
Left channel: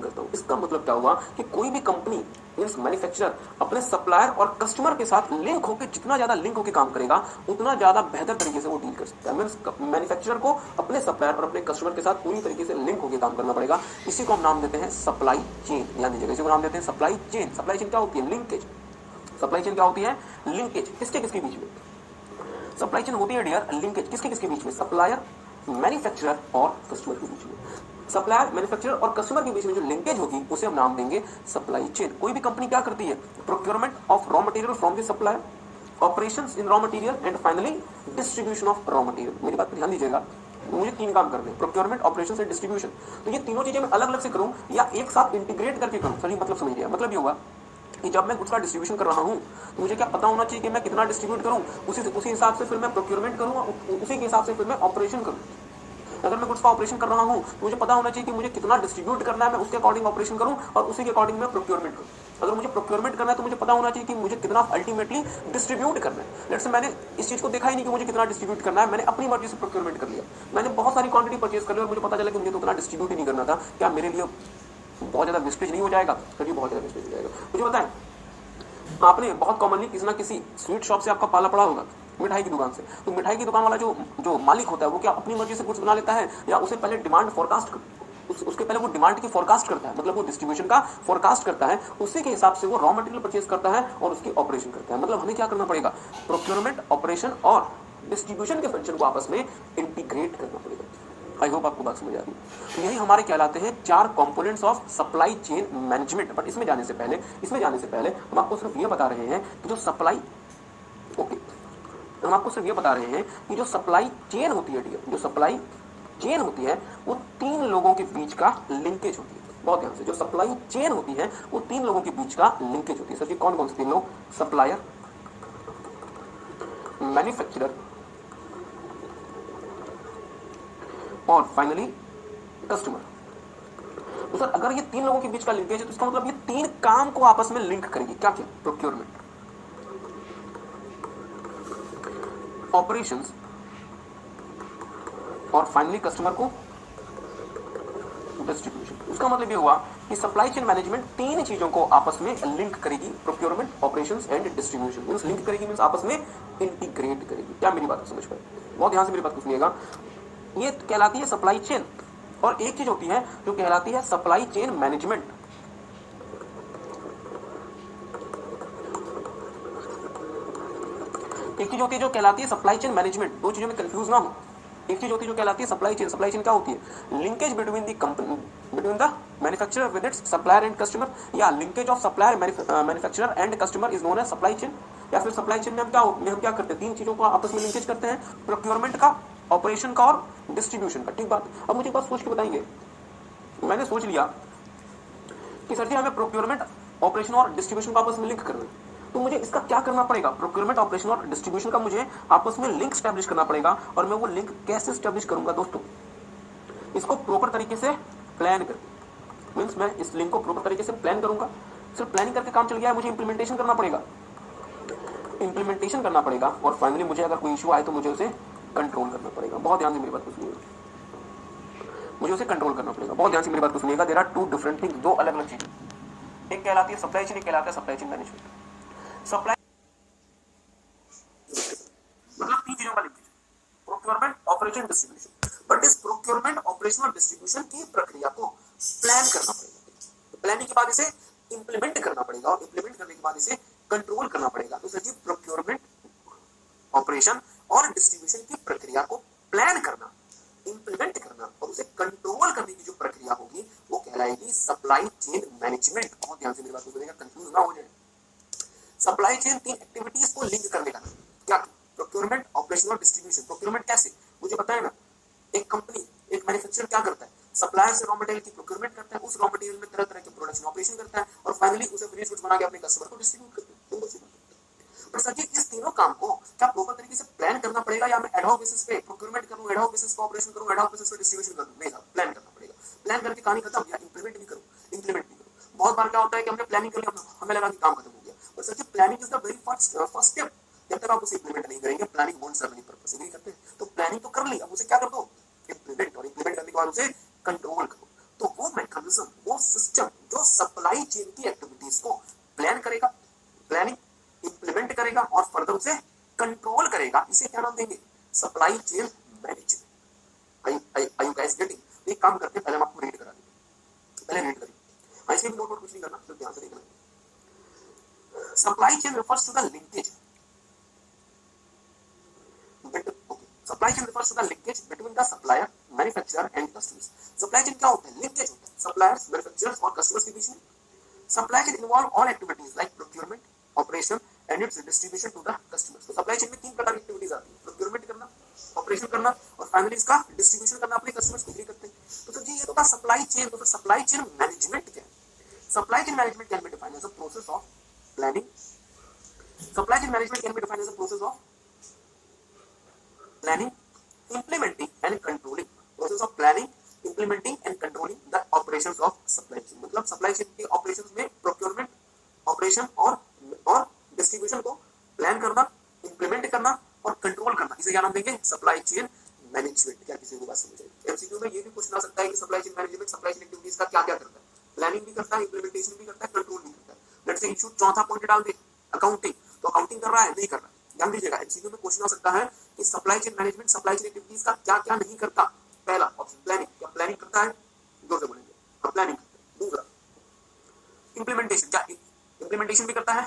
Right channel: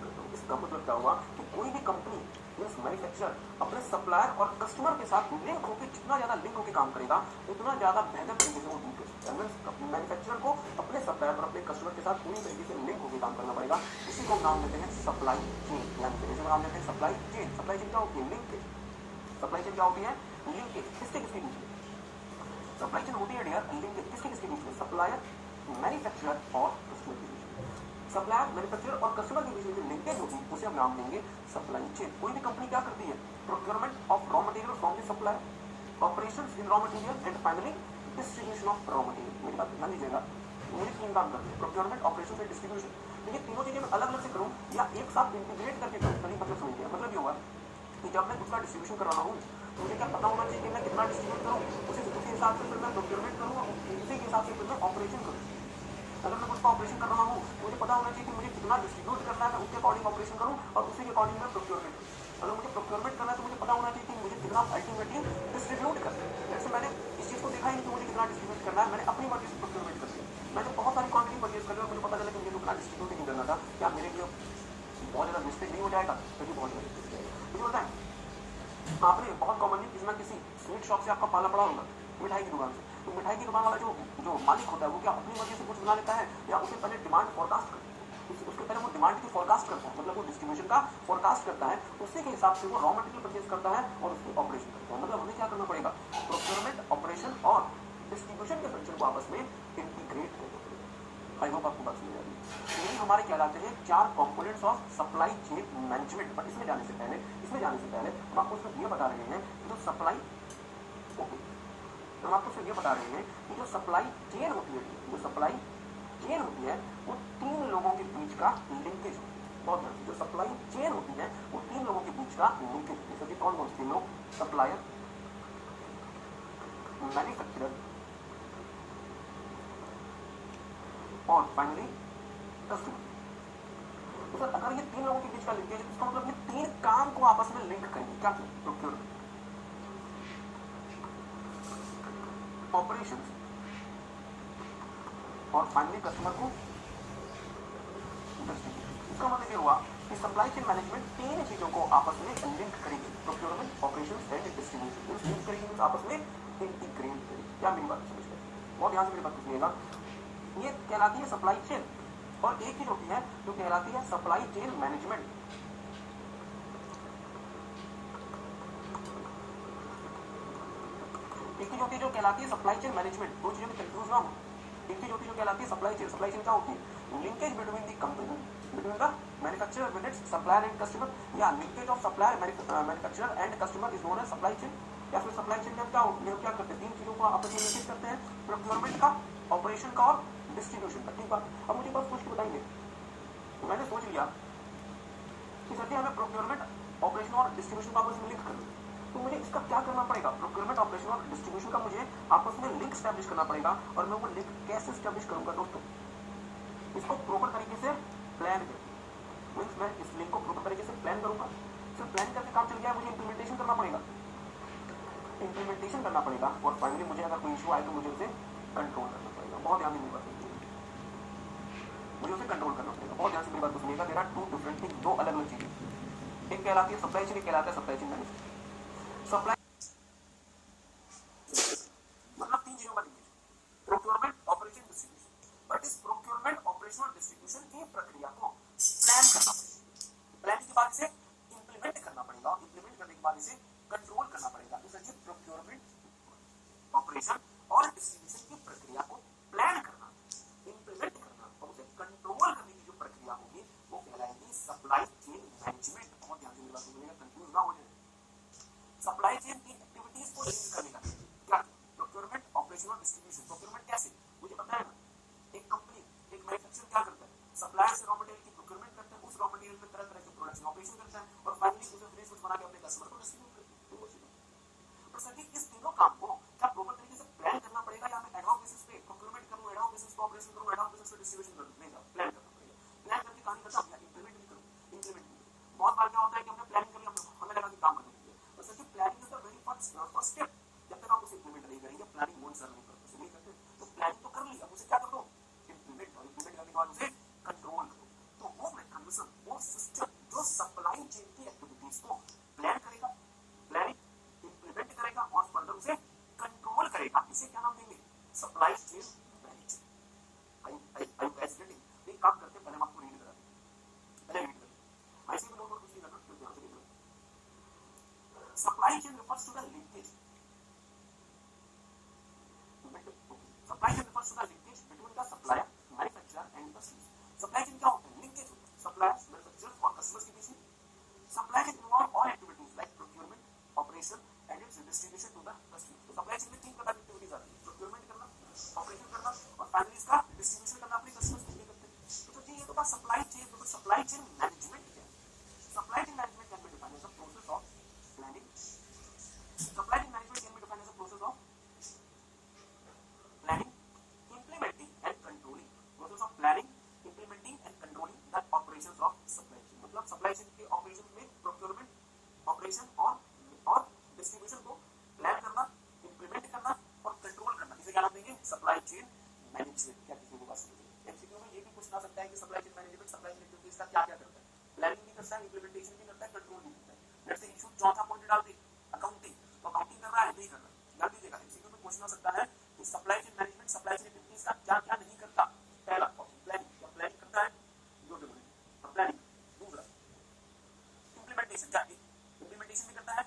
करता हूँ। इसका मतलब क्या हुआ कि कोई भी कंपनी, मैन्युफैक्चरर अपने सप्लायर और कस्टमर के साथ लिंक होकर, जितना ज्यादा लिंक होकर काम करेगा उतना ज्यादा बेहतर तरीके से वो डील कर सकता है। मैन्युफैक्चरर को अपने सप्लायर और अपने कस्टमर के साथ पूरी तरीके से लिंक होकर काम करना पड़ेगा। इसी को हम नाम देते हैं सप्लाई चेन। ध्यान दीजिएगा, इसी को नाम देते हैं सप्लाई चेन। सप्लाई चेन क्या होती है? लिंकेज। सप्लाई चेन क्या होती है? लिंकेज। किसके बीच में? सप्लाई चेन होती है डियर लिंकेज। किसके बीच में? सप्लायर, मैन्युफैक्चरर और कस्टमर के बीच में। सप्लायर, मैन्युफैक्चरर और कस्टमर के बीच में जो लिंकेज होगी उसे हम नाम देंगे सप्लाई चेन। कोई भी कंपनी क्या करती है? Procurement of raw material from the supplier, operations in raw material and finally distribution of raw material. मेरी बात पर ध्यान दीजिएगा, मुझे तीन काम करने हैं, प्रोक्योरमेंट, ऑपरेशंस एंड डिस्ट्रीब्यूशन। तो ये तीनों चीजें मैं अलग अलग से करूं या एक साथ इंटीग्रेट करके करूं? सही मतलब समझिए। मतलब ये होगा कि जब मैं गुड्स का डिस्ट्रीब्यूशन कर रहा हूं तो मुझे क्या पता होना चाहिए कि मैं कितना डिस्ट्रीब्यूट करूं, उसी हिसाब से फिर मैं प्रोक्योरमेंट करूं, उसी के हिसाब से फिर मैं ऑपरेशन करूं। अगर मैं गुड्स का ऑपरेशन कर रहा हूं तो मुझे पता होना चाहिए कि मुझे कितना डिस्ट्रीब्यूट करना है, मैं उसके अकॉर्डिंग ऑपरेशन करूं और उसी के अकॉर्डिंग मैं प्रोक्योरमेंट करूं। अगर मुझे प्रोक्योरमेंट करना है तो मुझे पता होना चाहिए कि मुझे कितना अल्टीमेटली डिस्ट्रीब्यूट करना है। लेट्स से मैंने इस चीज को देखा ही नहीं कि मुझे कितना डिस्ट्रीब्यूट करना है, मैंने अपनी मर्जी से प्रोक्योरमेंट कर लिया। मैंने बहुत सारी क्वांटिटी परचेज कर ली और मुझे पता चला कि मुझे तो उतना डिस्ट्रीब्यूट ही नहीं करना था। क्या मेरे लिए बहुत ज्यादा वेस्टेज नहीं हो जाएगा? कभी बहुत ज्यादा वेस्टेज हो जाएगा। मुझे बताएं, आपने बहुत कॉमनली किसी ना किसी स्वीट शॉप से आपका पाला पड़ा होगा, मिठाई की दुकान से। तो मिठाई की दुकान वाला जो मालिक होता है वो क्या अपनी मर्जी से गुड्स बना लेता है या उसे पहले डिमांड फोरकास्ट उसके पहले वो डिमांड की फोरकास्ट करता है, मतलब वो डिस्ट्रीब्यूशन का फोरकास्ट करता है, उसी के हिसाब से वो रॉ मटेरियल परचेज करता है और उसकी ऑपरेशन करता है। मतलब हमें क्या करना पड़ेगा? प्रोक्योरमेंट, ऑपरेशन और डिस्ट्रीब्यूशन के फंक्शन को आपस में इंटीग्रेट करना पड़ेगा। आई होप आपको बात समझ आ रही है। तो यही हमारे कहलाते हैं चार components of supply chain management. But इसमें जाने से पहले हम आपको सिर्फ ये बता रहे हैं कि जो सप्लाई ओके, तो हम आपको सिर्फ ये बता रहे हैं कि जो सप्लाई चेन होती है, जो सप्लाई चेन होती है वो 3 लोगों के बीच का लिंकेज होती है। बहुत ध्यान से, जो सप्लाई चेन होती है वो 3 लोगों के बीच का लिंकेज होती है। सर जी कौन कौन से 3 लोग? सप्लायर, मैन्युफैक्चरर और फाइनली कस्टमर। तो सर अगर ये 3 लोगों के बीच का लिंकेज है तो इसका मतलब ये 3 काम को आपस में लिंक करेगी। क्या क्या? प्रोक्योरमेंट, ऑपरेशंस और फाइनली कस्टमर को डिस्ट्रीब्यूशन। इसका मतलब ये हुआ कि सप्लाई चेन मैनेजमेंट 3 चीजों को आपस में लिंक करेगी, procurement, operations and distribution. Means link करेगी मींस आपस में इंटीग्रेट करेगी। क्या मेरी बात समझ पाए? बहुत ध्यान से मेरी बात को सुनिएगा। ये कहलाती है सप्लाई चेन, और एक चीज होती है जो कहलाती है सप्लाई चेन मैनेजमेंट। एक चीज होती है जो कहलाती है सप्लाई चेन मैनेजमेंट। दो चीजों में कंफ्यूज ना हो। एक चीज होती है जो कहलाती है सप्लाई चेन। सप्लाई चेन क्या होती है? Linkage between the company, between the manufacturer with its supplier and customer, या linkage of supplier, manufacturer and customer is known as supply chain. या फिर सप्लाई चेन में हम क्या करते हैं? 3 चीजों को आपस में लिंकेज करते हैं, प्रोक्योरमेंट का, ऑपरेशन का और डिस्ट्रीब्यूशन का। ठीक बात। अब मुझे बात सोच के बताएंगे, मैंने सोच लिया कि सर जी हमें प्रोक्योरमेंट, ऑपरेशन और डिस्ट्रीब्यूशन को आपस में लिंक करना है, तो मुझे इसका क्या करना पड़ेगा? प्रोक्योरमेंट, ऑपरेशन और डिस्ट्रीब्यूशन का मुझे आपस में लिंक स्टैब्लिश करना पड़ेगा। और मैं वो लिंक कैसे स्टैब्लिश करूंगा दोस्तों? इसको प्रॉपर तरीके से प्लान कर, मीन्स मैं इस लिंक को प्रॉपर तरीके से प्लान करूंगा। सिर्फ प्लानिंग करके काम चल गया है, मुझे इंप्लीमेंटेशन करना पड़ेगा। इंप्लीमेंटेशन करना पड़ेगा और फाइनली मुझे अगर कोई इशू आए तो मुझे उसे कंट्रोल करना पड़ेगा। बहुत ध्यान से मेरी बात को सुनिएगा, मुझे उसे कंट्रोल करना पड़ेगा। बहुत ध्यान से मेरी बात को सुनिएगा। देयर आर 2 डिफरेंट थिंग्स, 2 अलग अलग चीजें। एक कहलाती है सप्लाई चेन, एक कहलाता है सप्लाई चेन मैनेजमेंट। सप्लाई मतलब 3 चीजों का linkage, procurement, operation, distribution. But इस प्रोक्योरमेंट, ऑपरेशन और डिस्ट्रीब्यूशन की प्रक्रिया को प्लान करना पड़ेगा। प्लानिंग के बाद इसे इंप्लीमेंट करना पड़ेगा और इंप्लीमेंट करने के बाद इसे कंट्रोल करना पड़ेगा। तो सर जी प्रोक्योरमेंट, ऑपरेशन और डिस्ट्रीब्यूशन की प्रक्रिया को प्लान करना, इंप्लीमेंट करना और उसे कंट्रोल करने की जो प्रक्रिया होगी वो कहलाएगी सप्लाई चेन मैनेजमेंट। बहुत ध्यान से मेरी बात को सुनिएगा, कंफ्यूज ना हो जाए। सप्लाई चेन 3 एक्टिविटीज को लिंक करने का, क्या? प्रोक्योरमेंट, ऑपरेशन और डिस्ट्रीब्यूशन। प्रोक्योरमेंट कैसे? मुझे पता है ना, एक कंपनी, एक मैन्युफैक्चरर क्या करता है? सप्लायर से रॉ मटेरियल की प्रोक्योरमेंट करता है, उस रॉ मटेरियल में तरह तरह के प्रोडक्शन ऑपरेशन करता है और फाइनली उसे फिनिश गुड्स बना के अपने कस्टमर को डिस्ट्रीब्यूट करता है। पर सर जी इस तीनों काम को क्या प्रॉपर तरीके से प्लान करना पड़ेगा, या मैं एडहॉक बेसिस पे प्रोक्योरमेंट करूं, एडहॉक बेसिस पे ऑपरेशन करूं, एडहॉक बेसिस पे डिस्ट्रीब्यूशन करूं? नहीं सर, प्लान करना पड़ेगा। प्लान करके कहानी खत्म, या इंप्लीमेंट भी करूं, इंप्लीमेंट भी करूं। बहुत बार क्या होता है कि हमने प्लानिंग कर लिया, हमें लगा कि काम खत्म हो गया। पर sir ji planning is the very first step. जब तक आप उसे इंप्लीमेंट नहीं करेंगे, planning won't serve any purpose. नहीं करते तो प्लानिंग तो कर ली, अब उसे क्या कर दो? इंप्लीमेंट। और इंप्लीमेंट करने के बाद उसे कंट्रोल करो। तो वो मैकेनिज्म, वो सिस्टम जो सप्लाई चेन की एक्टिविटीज को प्लान करेगा, प्लानिंग, इंप्लीमेंट करेगा और फर्दर उसे कंट्रोल करेगा, इसे क्या नाम देंगे? Supply chain management. Are you guys getting? एक काम करते हैं, पहले हम आपको रीड करा दें, पहले रीड करिए। इसमें नोट कुछ नहीं करना, तो ध्यान से देखना। Supply chain refers to the linkage, supply chain refers to the linkage between the supplier, manufacturer and customers। Supply chain क्या होता है? लिंकेज होता है सप्लायर्स, मैन्युफैक्चरर्स और कस्टमर्स के बीच में। Supply chain involve all activities like procurement, operation and its distribution to the customers. तो सप्लाई चेन में 3 प्रकार की एक्टिविटीज आती है, प्रोक्योरमेंट करना, ऑपरेशन करना और फाइनली इसका डिस्ट्रीब्यूशन करना अपने कस्टमर्स को करते हैं। तो सर जी ये तो था सप्लाई चेन। तो सप्लाई चेन मैनेजमेंट क्या है? Supply chain management can be defined as a process of planning. Supply chain management can be defined as a process of planning, implementing and controlling, process of planning, implementing and controlling the operations of supply chain। मतलब supply chain के operations में procurement, operation और distribution को plan करना, implement करना और control करना, इसे क्या नाम देंगे? Supply chain management. क्या किसी को बात समझ आई? एमसीक्यू में ये भी पूछना सकता है कि supply chain management supply chain activities का क्या क्या करता है? प्लानिंग भी करता है, इंप्लीमेंटेशन भी करता है, कंट्रोल भी करता है। लेट्स से इशू चौथा पॉइंट डाल दे, अकाउंटिंग। तो अकाउंटिंग कर रहा है, नहीं कर रहा है? ध्यान दीजिएगा, एमसीक्यू में क्वेश्चन आ सकता है कि supply chain management supply chain activities का क्या क्या नहीं करता। पहला ऑप्शन प्लानिंग, क्या प्लानिंग करता है? जोर से बोलेंगे, हाँ प्लानिंग। दूसरा इंप्लीमेंटेशन, क्या इंप्लीमेंटेशन भी करता है?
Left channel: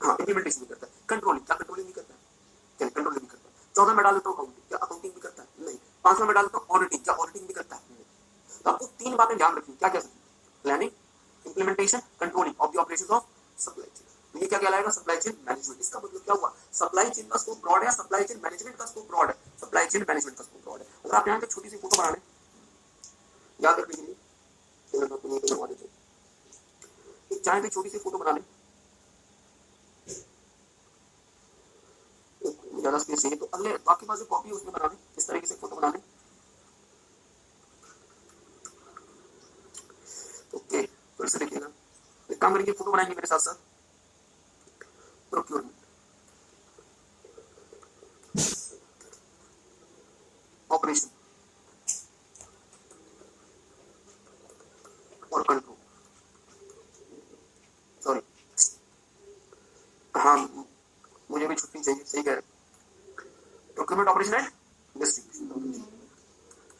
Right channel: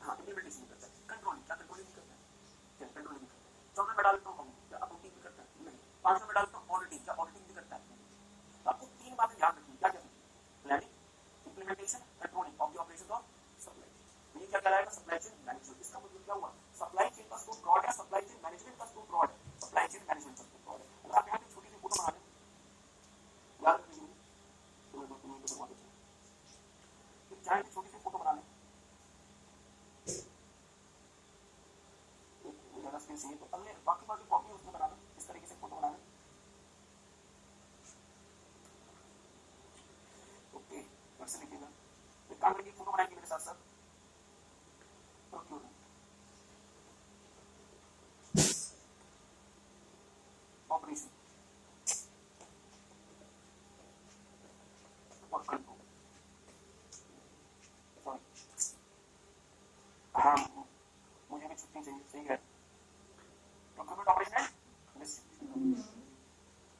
हाँ इंप्लीमेंटेशन भी करता है। कंट्रोलिंग, क्या कंट्रोलिंग भी करता है? क्या कंट्रोलिंग भी करता है। चौथा में डाल देता हूँ अकाउंटिंग, क्या अकाउंटिंग भी करता है? नहीं। पांचवा में डाल देता हूँ ऑडिटिंग, क्या ऑडिटिंग भी करता है? नहीं। तो आपको 3 बातें ध्यान रखनी, क्या क्या? Planning, implementation, controlling of the operations of supply chain। ये क्या कहलाएगा? Supply chain management. इसका मतलब क्या हुआ? सप्लाई चेन का स्कोप ब्रॉड है, सप्लाई चेन मैनेजमेंट का स्कोप ब्रॉड है, सप्लाई चेन मैनेजमेंट का स्कोप ब्रॉड है। अगर आप यहाँ पे छोटी सी फोटो बना लें, याद रखने के लिए चाहे भी छोटी सी फोटो बना लें, ज्यादा स्पेस चाहिए तो अगले बाकी पास कॉपी उसमें बना लें, इस तरीके से फोटो बना लें। ओके, फिर से देखिएगा, एक काम करेंगे, फोटो बनाएंगे मेरे साथ साथ। प्रोक्योरमेंट, ऑपरेशन और कंट्रोल, सॉरी हाँ मुझे भी छुट्टी चाहिए, सही कह रहे। Procurement, operation and distribution.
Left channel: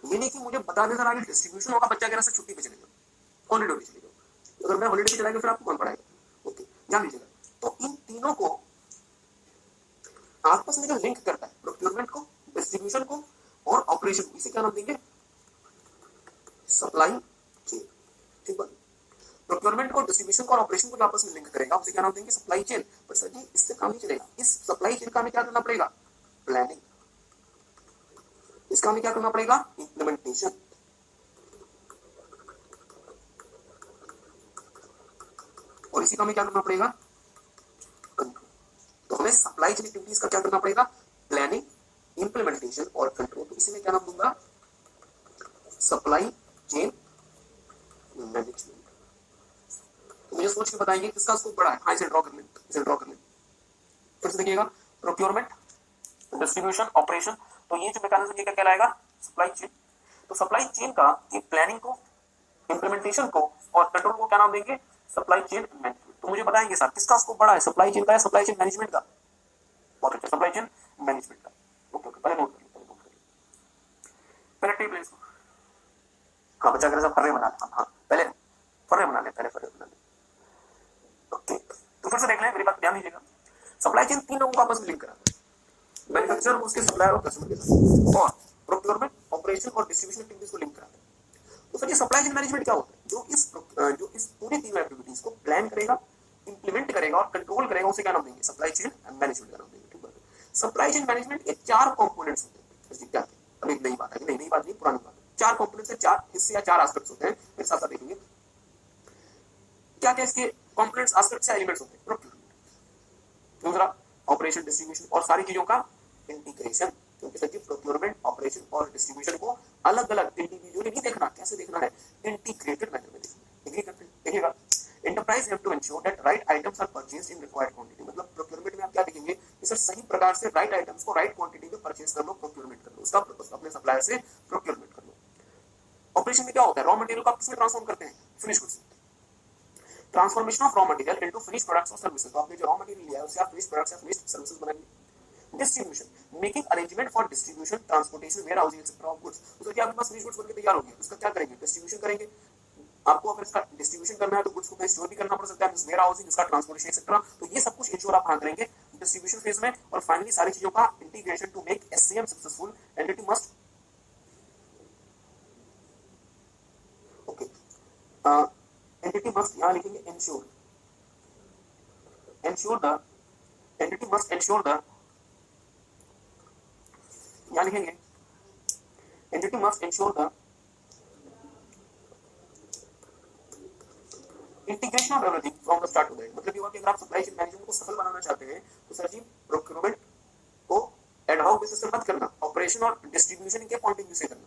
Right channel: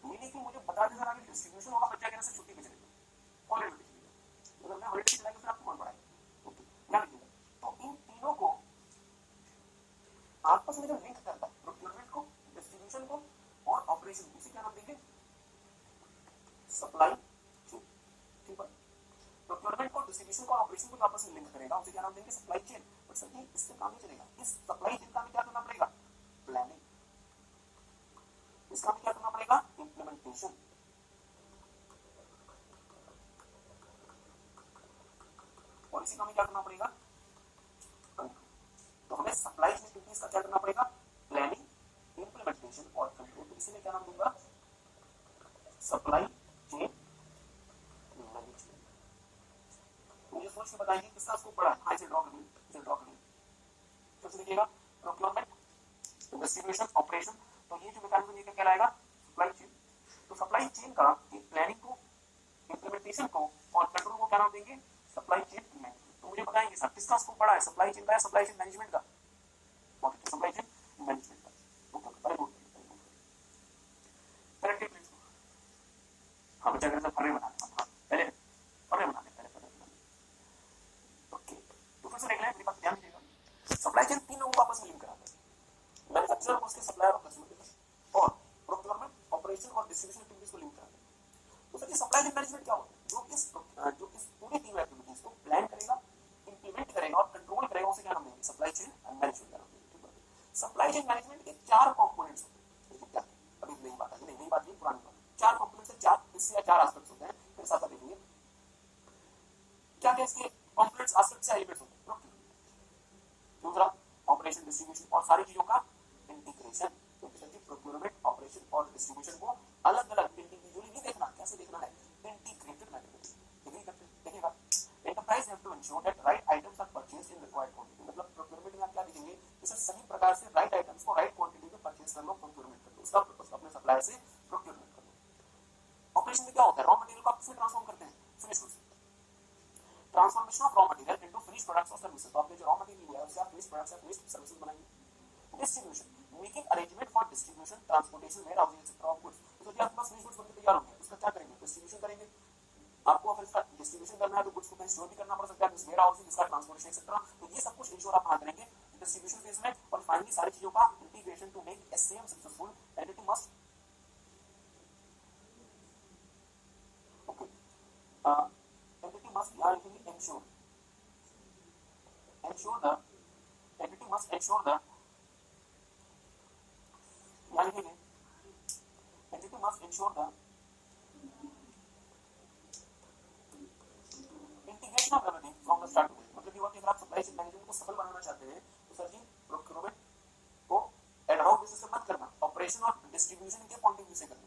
ये नहीं कि मुझे बता दें सर आगे डिस्ट्रीब्यूशन होगा, बच्चा कह रहा है छुट्टी पे चलेगा, हॉलीडे पे चलेगा, अगर मैं हॉलीडे पे चलाएगा फिर आपको कौन पढ़ाएगा? ओके, ध्यान दीजिएगा। तो इन तीनों को आपस में जो लिंक करता है, प्रोक्योरमेंट को, डिस्ट्रीब्यूशन को और ऑपरेशन, इसे क्या नाम देंगे? Supply chain. ठीक है, प्रोक्योरमेंट को, डिस्ट्रीब्यूशन को और ऑपरेशन को आपस में लिंक करेगा, उसे क्या नाम देंगे? Supply chain. पर सर जी इससे काम नहीं चलेगा, इस सप्लाई चेन का हमें क्या करना पड़ेगा? प्लानिंग। इसका हमें क्या करना पड़ेगा? इम्प्लीमेंटेशन। और इसी का हमें क्या करना पड़ेगा? कंट्रोल। तो हमें सप्लाई चेन एक्टिविटीज का क्या करना पड़ेगा? प्लानिंग, इम्प्लीमेंटेशन और कंट्रोल। तो इसी में क्या नाम दूंगा? Supply chain management. मुझे सोच के बताएंगे किसका स्कोप बड़ा है? हाँ, इसे ड्रॉ कर लें, इसे ड्रॉ कर लें। फिर से देखिएगा, प्रोक्योरमेंट, डिस्ट्रीब्यूशन, ऑपरेशन, तो ये जो मैकेनिज्म ये क्या कहलाएगा? Supply chain. तो सप्लाई चेन का ये प्लानिंग को, इम्प्लीमेंटेशन को और कंट्रोल को क्या नाम देंगे? Supply chain management. तो मुझे बताएंगे सर किसका स्कोप बड़ा है? सप्लाई चेन का या सप्लाई चेन मैनेजमेंट का? बहुत अच्छा, सप्लाई चेन मैनेजमेंट का। ओके, पहले नोट करिए, पहले टेप लें इसको। हाँ, बच्चा कर सब फर्रे बना लें, हाँ पहले फर्रे बना लें, पहले फर्रे बना लें। ओके, तो फिर से देख लें, मेरी बात ध्यान दीजिएगा। सप्लाई चेन तीन लोगों को आपस में लिंक कराता है, मैन्युफैक्चरर, उसके सप्लायर और कस्टमर के साथ, और प्रोक्योरमेंट, ऑपरेशन और डिस्ट्रीब्यूशन एक्टिविटीज को लिंक कराता है। तो फिर ये सप्लाई चेन मैनेजमेंट क्या होता है? जो इस पूरी तीन एक्टिविटीज को प्लान करेगा, इंप्लीमेंट करेगा और कंट्रोल करेगा, उसे क्या नाम देंगे? सप्लाई चेन मैनेजमेंट का नाम देंगे। ठीक है, सप्लाई चेन मैनेजमेंट के चार कंपोनेंट्स होते हैं। क्या? अब एक नई बात है, नई बात नहीं, पुरानी बात। चार कंपोनेंट्स है, चार हिस्से या चार एस्पेक्ट्स होते हैं, मेरे साथ साथ देखेंगे क्या क्या इसके कंपोनेंट्स, एस्पेक्ट्स या एलिमेंट्स होते हैं। प्रोक्योरमेंट, दूसरा ऑपरेशन, डिस्ट्रीब्यूशन और सारी चीजों का इंटीग्रेशन। क्योंकि सर जी प्रोक्योरमेंट, ऑपरेशन और डिस्ट्रीब्यूशन को अलग अलग इंडिविजुअली नहीं देखना, कैसे देखना है? इंटीग्रेटेड मैनर में देखिएगा। Enterprise have to ensure that right items are purchased in required quantity. मतलब प्रोक्योरमेंट में आप क्या देखेंगे? सर सही प्रकार से राइट आइटम्स को राइट क्वांटिटी में परचेज कर लो, प्रोक्योरमेंट कर लो, उसका अपने सप्लायर से प्रोक्योरमेंट कर लो। ऑपरेशन में क्या होता है? रॉ मटेरियल को आप किसमें ट्रांसफॉर्म करते हैं? Finish goods. Transformation of raw material into finish products और सर्विसेज। तो आपने जो रॉ मटेरियल लिया है उससे आप फिनिश प्रोडक्ट्स या फिनिश सर्विसेज बनाएंगे। Distribution, making arrangement for distribution, transportation, warehousing etcetera of goods. तो क्या आपके पास फिनिश गुड्स बनके तैयार हो गया, उसका क्या करेंगे? डिस्ट्रीब्यूशन करेंगे। आपको अगर इसका डिस्ट्रीब्यूशन करना है तो गुड्स को कहीं स्टोर भी करना पड़ सकता है, वेयर हाउसिंग, इसका ट्रांसपोर्टेशन एक्सेट्रा। तो ये सब कुछ इंश्योर आप कहां करेंगे? डिस्ट्रीब्यूशन फेज में। और फाइनली सारी चीजों का integration to make SCM successful. Entity must entity must, यहां लिखेंगे ensure, ensure the entity must ensure the, यहां लिखेंगे entity must ensure the integration of everything from the start to the end। मतलब ये हुआ कि अगर आप सप्लाई चेन मैनेजमेंट को सफल बनाना चाहते हैं तो सर जी प्रोक्योरमेंट को एड हॉक बेसिस पे मत करना, ऑपरेशन और डिस्ट्रीब्यूशन के पॉइंट ऑफ व्यू से करना,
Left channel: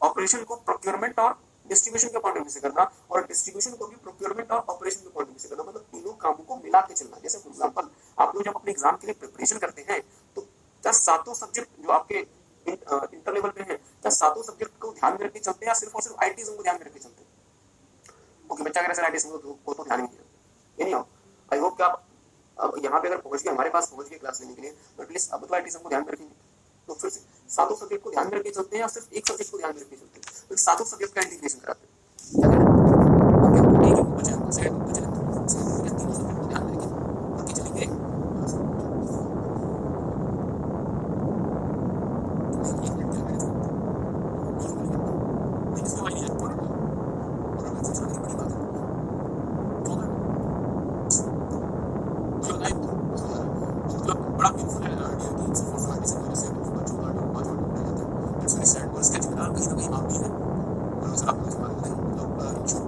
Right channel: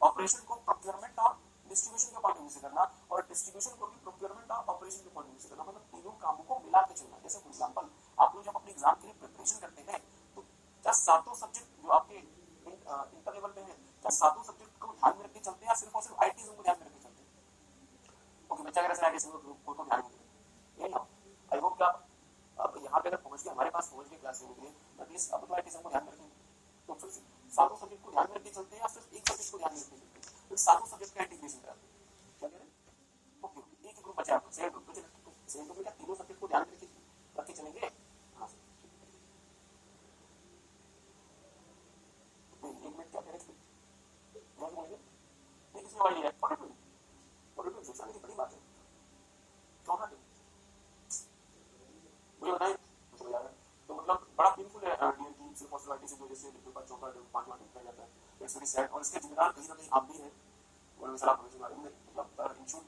ऑपरेशन को प्रोक्योरमेंट और डिस्ट्रीब्यूशन के पॉइंट ऑफ व्यू से करना, और डिस्ट्रीब्यूशन को भी प्रोक्योरमेंट और ऑपरेशन के पॉइंट ऑफ व्यू से करना। मतलब तीनों कामों को मिला के चलना। जैसे फॉर एग्जांपल आप लोग जब अपने एग्जाम के लिए प्रिपरेशन करते हैं तो क्या सातों सब्जेक्ट जो आपके इंटर लेवल पे हैं, क्या सातों सब्जेक्ट को ध्यान में रख के चलते हैं या सिर्फ और सिर्फ आईटीज़म को ध्यान में रख के चलते हैं? ओके, बच्चा अगर आईटीज़म को तो ध्यान में नहीं, ये नहीं हो। आई होप कि आप अब यहाँ पे अगर पहुंच गए, हमारे पास पहुंच गए क्लास लेने के लिए, तो एटलीस्ट अब तो आईटीज़म को ध्यान में रखेंगे। तो फिर से सातों सब्जेक्ट को ध्यान में रख के चलते हैं या सिर्फ एक सब्जेक्ट को ध्यान में रख के चलते हैं? तो सातों सब्जेक्ट का इंटीग्रेशन कराते हैं। सेड और इसके जिम्मेदार कहीं ना कहीं आप भी हैं। और सर आपको इसके बारे में जो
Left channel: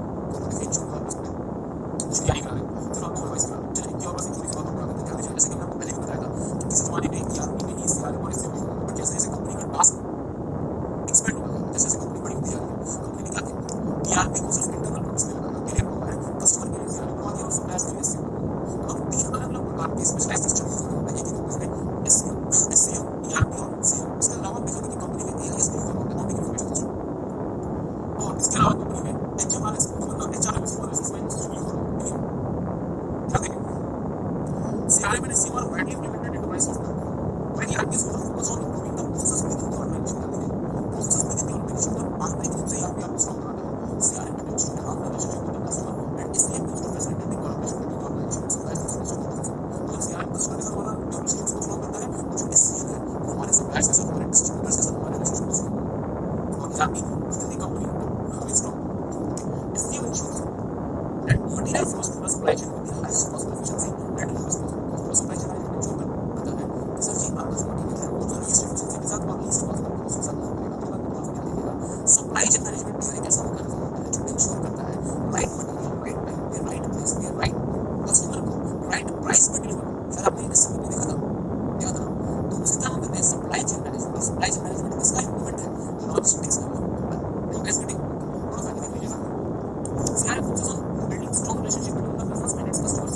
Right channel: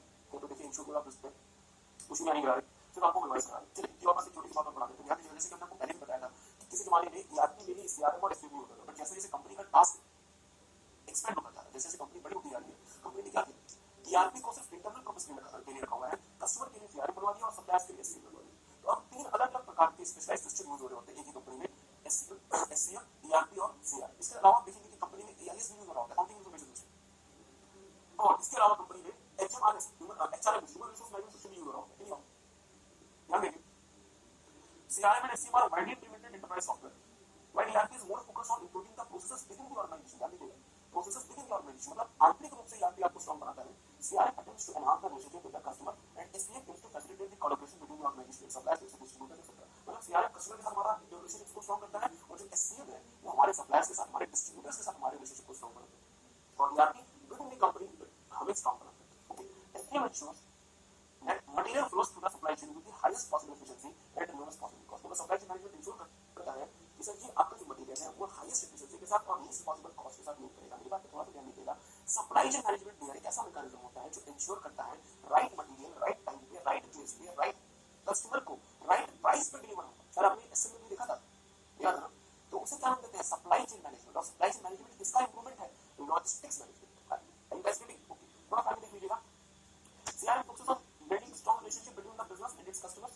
मुझे क्या नहीं करा रहे सिर्फ आपको एडवाइस करा। चलिए इनकी और थोड़ी सी बात बता देते हैं। जैसे कि मैंने पहले भी बताया था कि किसी जमाने में ERP में ही CRM और SAP बट जैसे जैसे कंपनी का टास्क एक्सपेंड हो रहा है, जैसे जैसे कंपनी बड़ी होती जा रही है, कंपनी ने क्या किया ERP को सिर्फ इंटरनल पर्पस के लिए रखा है, कस्टमर के लिए CRM बना दिया और सप्लायर्स के लिए SAP। तो अब तीन अलग अलग प्रकार के स्पेशलाइज्ड सिस्टम यूज होते हैं एक ही कंपनी में, SCM, ERP और CRM। इसके अलावा भी देखिए कंपनी में AIS भी यूज होता है, अकाउंटिंग इन्फॉर्मेशन सिस्टम। और इसके अलावा कंपनी में HMRS मतलब HRM सिस्टम यूज होता है। ध्यान देंगे CRM and SCM are widely implemented into my software. While ERP is more focused on improving the process within the organization. Process within the organization मतलब आंतरिक रूप से ERP आपको समझ रहा है। CRM में जो ग्राहक relationship with the customer and SCM is to facilitate the collaboration between the organization. Suppliers and customers. मतलब CRM कस्टमर के साथ हमारा रिलेशनशिप को स्ट्रॉन्ग करता है, जो SCM है वो हमारे सप्लायर्स के साथ, हमारे डिस्ट्रीब्यूटर्स के साथ हमारे रिलेशनशिप को स्ट्रॉन्ग। और ERP within the company हमें strong. SCM ensures that material flows through the supply chain with the highest possible efficiency and lowest possible cost. तो supply chain management जो करता है कि सर जी आपका जो मटेरियल है वो जो लीस्ट एफिशिएंसी के साथ और लीस्ट कॉस्ट में उसके साथ काम करेगा। तो बात आपको देखिएगा सप्लाई चेन मैनेजमेंट भी एक ऐसा मैकेनिज्म होता है जो इंश्योर करता है राइट मटेरियल राइट टाइम पे राइट प्लेस पे राइट कस्टमर को राइट प्राइस पे डिलीवर। सर आपने इससे भी देखा था याद रहा। तो उसी तरह हम कहते हैं सप्लाई चेन मैनेजमेंट। और सप्लाई चेन मैनेजमेंट इसका इंप्लीमेंट है लॉजिस्टिक्स का एसपीटी थोड़ा सा देख लीजिएगा। CRM focuses on building strong relationship between the business and its customers.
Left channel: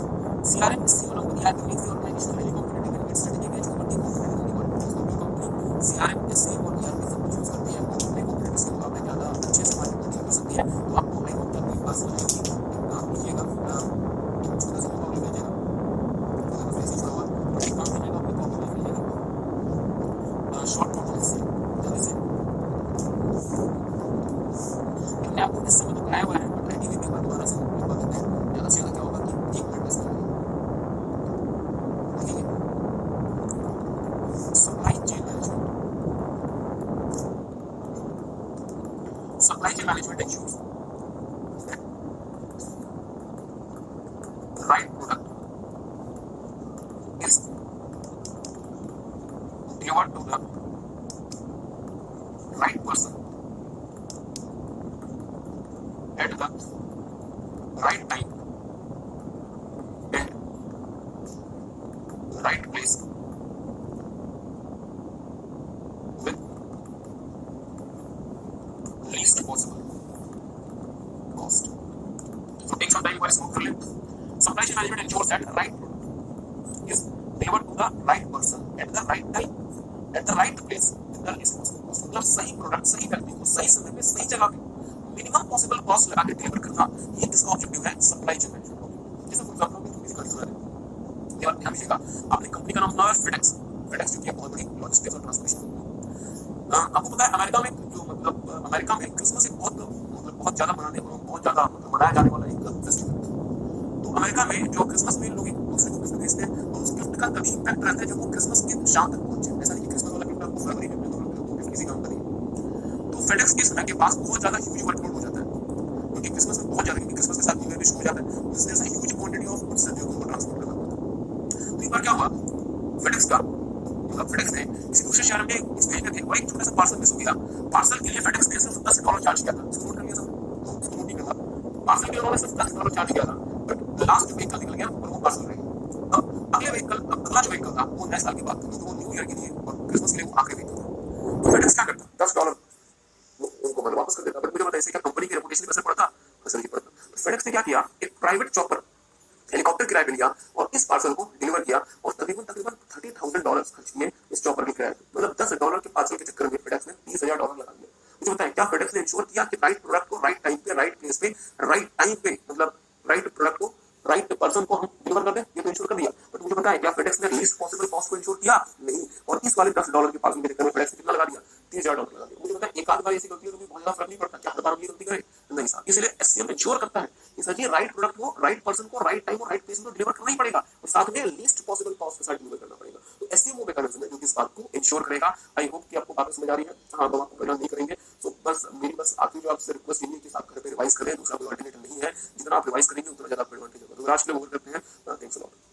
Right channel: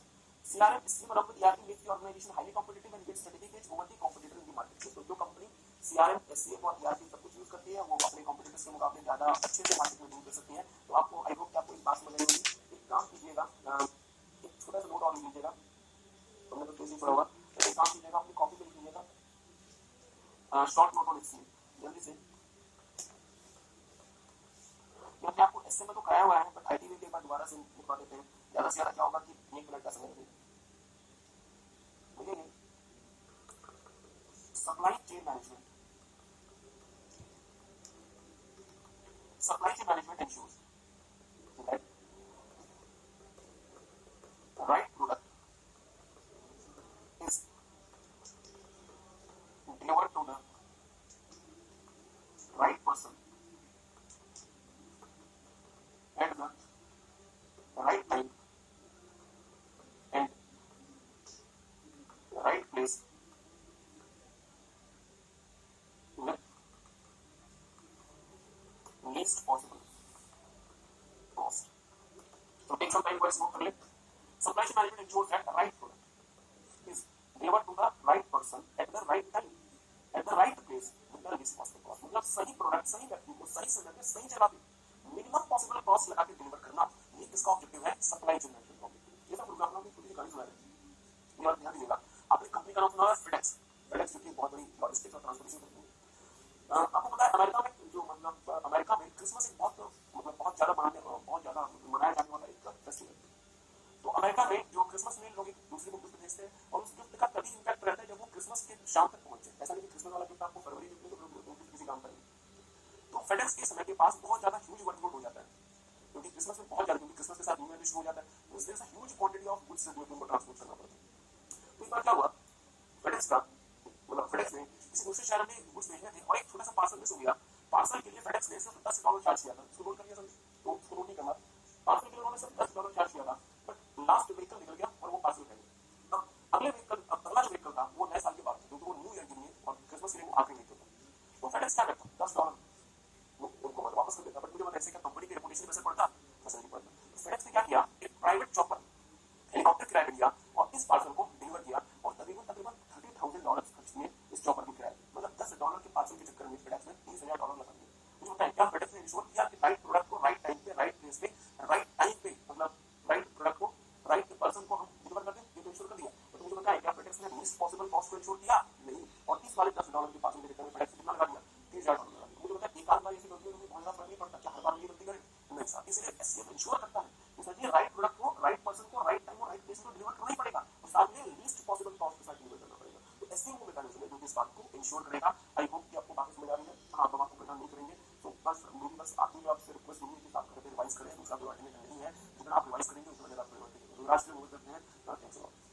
CRM is similar to ERP makes the organization highly competitive and its strategic edge over the competitive environment. जो company CRM, SCM और ERP सब कुछ use करती है वो अपने competitive से मुकाबले ज़्यादा अच्छे से मार्केटिंग कर सकती है। तो आपको आई होप आपके पास काम कीजिएगा, छोटा सा कॉपी भेजिएगा, वैसे छोड़ा हुआ और एक काम कीजिएगा अपनी कॉपी में भेजिएगा शॉर्ट नोट से जल्दी से। हमने आपको इस समय तो कराया हुआ है, राइटिंग के पेपर दोबारा से पेपर देते हैं, ज़्यादा से ज़्यादा क्या होगा कि 1 मिनट बस ठीक है। Supply chain management ensures that the right product is delivered to the right person at the right time and right place with least possible cost. So take some time for a smooth fill. Supply chain management ensures that the right product is delivered to the right person at the right time at the right place with the least possible cost. मतलब सही product सही व्यक्ति को सही समय पे सही जगह पे मिनिमम पॉसिबल कॉस्ट लगा के डिलीवर करना, ये किसका ऑब्जेक्टिव है? Supply chain management. जैसे फॉर एग्जांपल किसी कंज्यूमर है और ध्यान दीजिएगा आपने कंपनी का नाम सुना है फेडेक्स। फेडेक्स जो कि बहुत बड़ी लॉजिस्टिक्स और ट्रांसपोर्टेशन कंपनी है। आपको पता है अमेरिका में जो मतलब अमेरिका में क्रिसमस एक बहुत ज्यादा बहुत ज्यादा मनाया जाने वाला एक फेस्टिवल। तो अमेरिका में जो क्रिसमस में लोग एक दूसरे को गिफ्ट भेजते हैं और उस गिफ्ट का तभी इम्पैक्ट रहता है जब वो क्रिसमस के शाम तक पहुंचे। ऐसा नहीं कि क्रिसमस वाला गिफ्ट आपको फरवरी में गिफ्ट किसी काम करेंगे। तो फेडेक्स के समय के पास बहुत ज्यादा ह्यूज वर्कलोड हो जाता है क्योंकि क्रिसमस में बहुत ज्यादा क्योंकि क्रिसमस के साथ न्यू ईयर भी शुरू हो जाता है, तो इसलिए ह्यूज क्वांटिटी ऑफ गुड्स जो उनको ट्रांसपोर्ट करना पड़ता है। तो एक बार क्या हुआ फेडेक्स का मतलब फेडेक्स ने किसी दूसरे शहर में कुछ भेजने थे और एक छोटा सा पार्सल मिस हो गया। पार्सल के लिए फेडेक्स ने सिर्फ $10 चार्ज किया था। इसको नोट कर लिया सब तो इसको नोट नहीं करता। पार्सल के लिए उन्होंने सिर्फ $10 चार्ज किया था बट लास्ट जो व्हीकल निकल गया और वो पार्सल रह गया। अब अगले व्हीकल अगला जो व्हीकल था वो नए साल की बात थी तो वो न्यू ईयर के लिए और क्रिसमस के लिए वो आखिरी व्हीकल था। तो फेडेक्स क्या करता $10 उनको मतलब वापस कर देता। बट मुझे बताइए इससे क्या कंपनी की रेपुटेशन पर असर पड़ता? असर नहीं पड़ता। तो फेडेक्स ने क्या किया एक प्राइवेट चॉपर हेलीकॉप्टर किराए पे लिया और इस पार्सल को डिलीवर किया और तकरीबन $30,000 खर्च किए इस चॉपर के किराए पे। मतलब $10 के पार्सल के चक्कर में फेडेक्स ने $30,000 लगा दिया। मुझे बताएं क्या फेडेक्स ने इंश्योर किया कि राइट प्रोडक्ट को राइट टाइम पे राइट प्लेस पे राइट टाइम पे मतलब राइट प्रोडक्ट को राइट पर्सन को हम डिलीवर कर दें? ये तो इंश्योर कर दिया। बट मुझे बताएं क्या फेडेक्स ने लीस्ट पॉसिबल कॉस्ट को इंश्योर किया? नहीं। और इस वाले $10 के पार्सल के चक्कर में फेडेक्स ने कितना लगा दिया? $30,000 लगा दिया। मुझे बताएं एक आध बार ऐसी गलती होगी बहुत ज्यादा फर्क नहीं पड़ता, क्या हर बार अपनी गलती करे? नहीं साहब। इसलिए एससीएम इंश्योर करता है कि सर जी राइट प्रोडक्ट को राइट पर्सन को राइट टाइम और राइट प्लेस में डिलीवर करना ही पड़ेगा और साथ में लीस्ट पॉसिबल कॉस्ट के साथ डिलीवर करना पड़ेगा। तो एससीएम वो मैकेनिज्म है जो कि इस बात को इंश्योर करेगा। आई होप कि आपको बात समझ आ रही है। हाँ हम आपको प्रदान नहीं करेंगे। तो बस मेरी बस आखिरी जो आपसे रिक्वेस्ट यही है कि आप घर पे रिवाइज करें। दूसरा कोई अल्टरनेटिव नहीं है। जितना आप रिवाइज करेंगे उतना ज्यादा आपको एडवांटेज होगा। तो आज के लिए वो करते हैं। Thanks a lot.